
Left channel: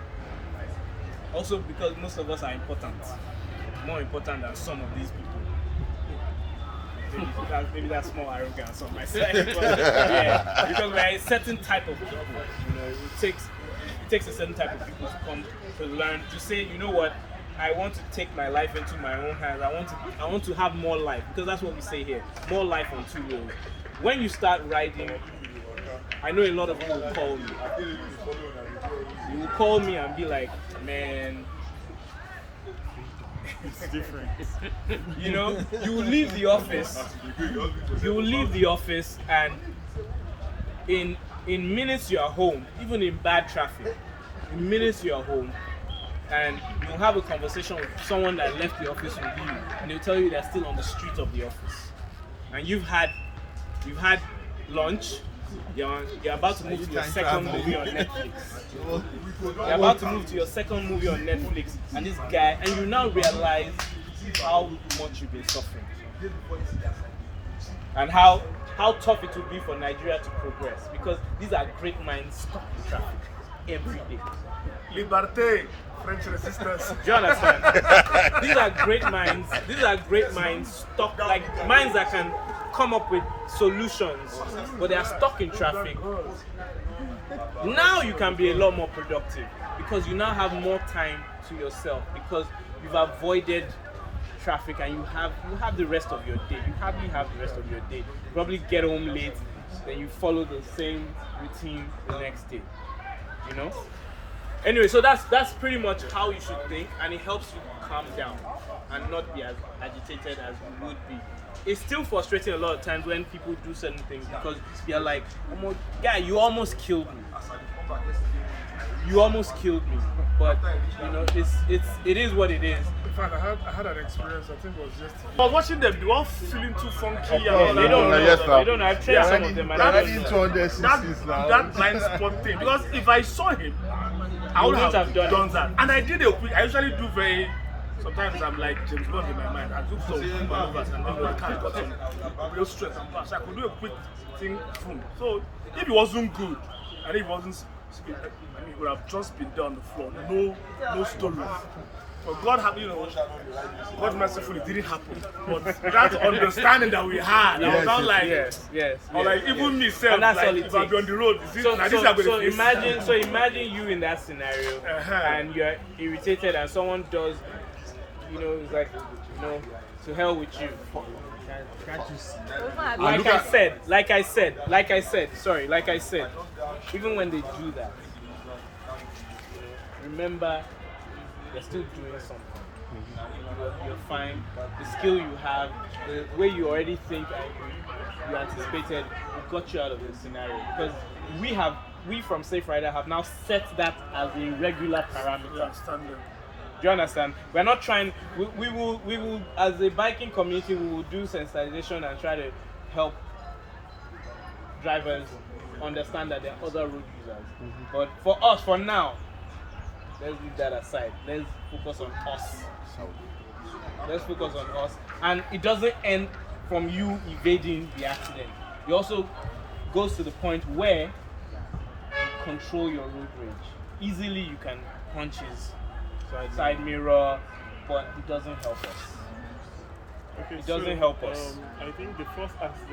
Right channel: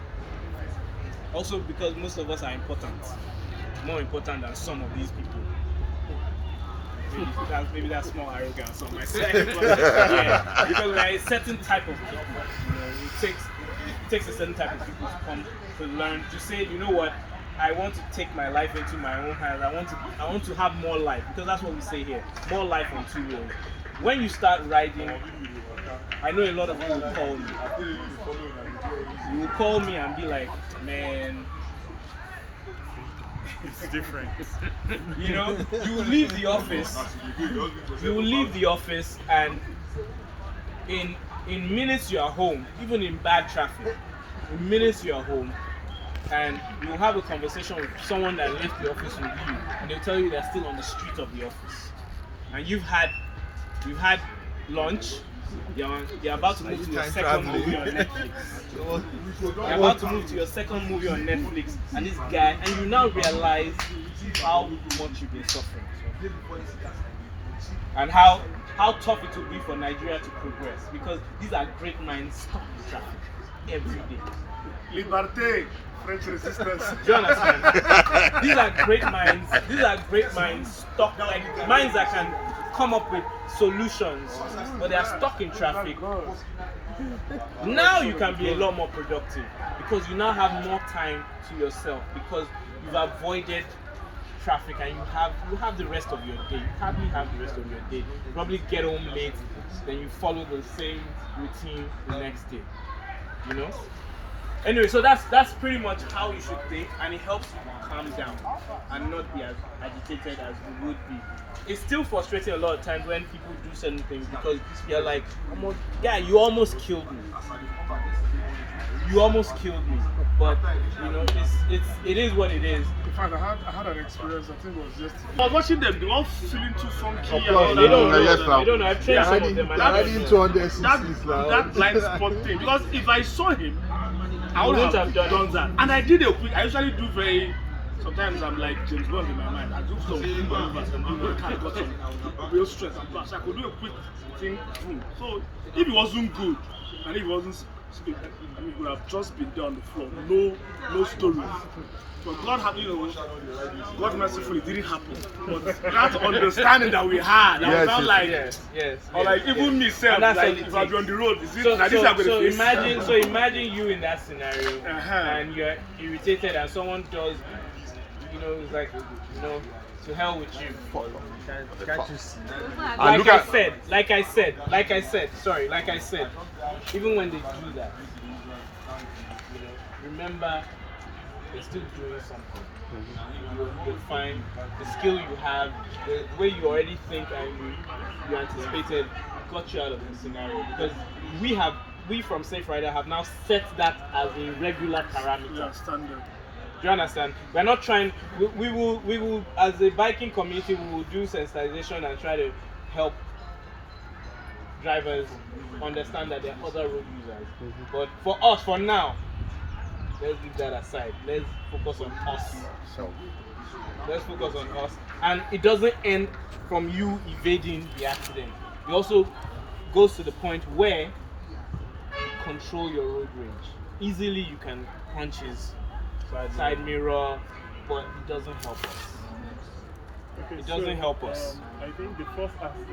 Also because most of us are important. More important than some of these people. Maybe that's more arrogance on my side. But, yeah, because we're a certain type of people. It takes a certain type of people to come to learn, to say, you know what, I want to take my life into my own hands. I want to have more life, because that's what we say here. More life on 2 wheels. When you start riding, I know a lot of people will call me. You will call me and be like, man, It's different. You will leave the office. You will leave the office, and in minutes you are home, even in bad traffic. In minutes you are home, and you will have a conversation with someone that left the office with you, and they'll tell you they're still on the street of the office, and you've had lunch. You're about to move to your second movie on Netflix. You're about to move to your second movie on Netflix, and this guy, and you now realize how much you've been suffering, and how tough it will be for Nigeria to progress, because these are great minds stuck in traffic every day. Liberté, French resistance. Do you understand? These are great minds. These are great minds stuck, like minds that can come up with solutions, but they are stuck in traffic. Now you can be a lot more productive because you now have more time to yourself, because you've avoided traffic and you have the rest of your day. You hardly have the rest of your day. You probably get home late, then you follow the same routine the next day. Anyway, so that's pretty much how you should think, and it helps you calm down and not be as agitated as you would be. It's still frustrating a lot of times when people do certain things, because you're like, you almost killed me. You almost killed me. But it is what it is. In fact, I had an experience. I think it was yesterday. I was watching them. They were all feeling too funky. Of course, They don't know. yes, They don't know. I've trained some of them. They're riding 200 cc's now. That blind spot thing. Because if I saw him, I would wouldn't have have done that. And I did a quick. I usually do very. Sometimes I'm like James Bond in my mind. I do some quick maneuvers and then I got some real stress and plus. I could do a quick thing. Boom. So if it wasn't good and if it wasn't speed, it would have just been there on the floor. No stories. But God had, God mercifully, it didn't happen. But that understanding that we had, I was not like, yes. or like even myself, like if I be on the road, is it like this? I'm going to So imagine you in that scenario, and you're irritated, and someone does, it's like, to hell with you. Can't you see? Like I said, even when they do that, remember you're still doing something. You're fine. The skill you have, the way you already think and you anticipated, got you out of the scenario. Because we from Safe Rider have now set that as a regular parameter. Yeah, standard. Do you understand? We're not trying. We will as a biking community, we will do sensitization and try to help drivers understand that there are other road users. But for us, for now, let's leave that aside. Let's focus on us. So, Let's focus on us. And it doesn't end from you evading the accident. It also goes to the point where you control your road rage. Easily you can punch his side mirror, but it doesn't help us. Okay, It doesn't help us. I think the first accident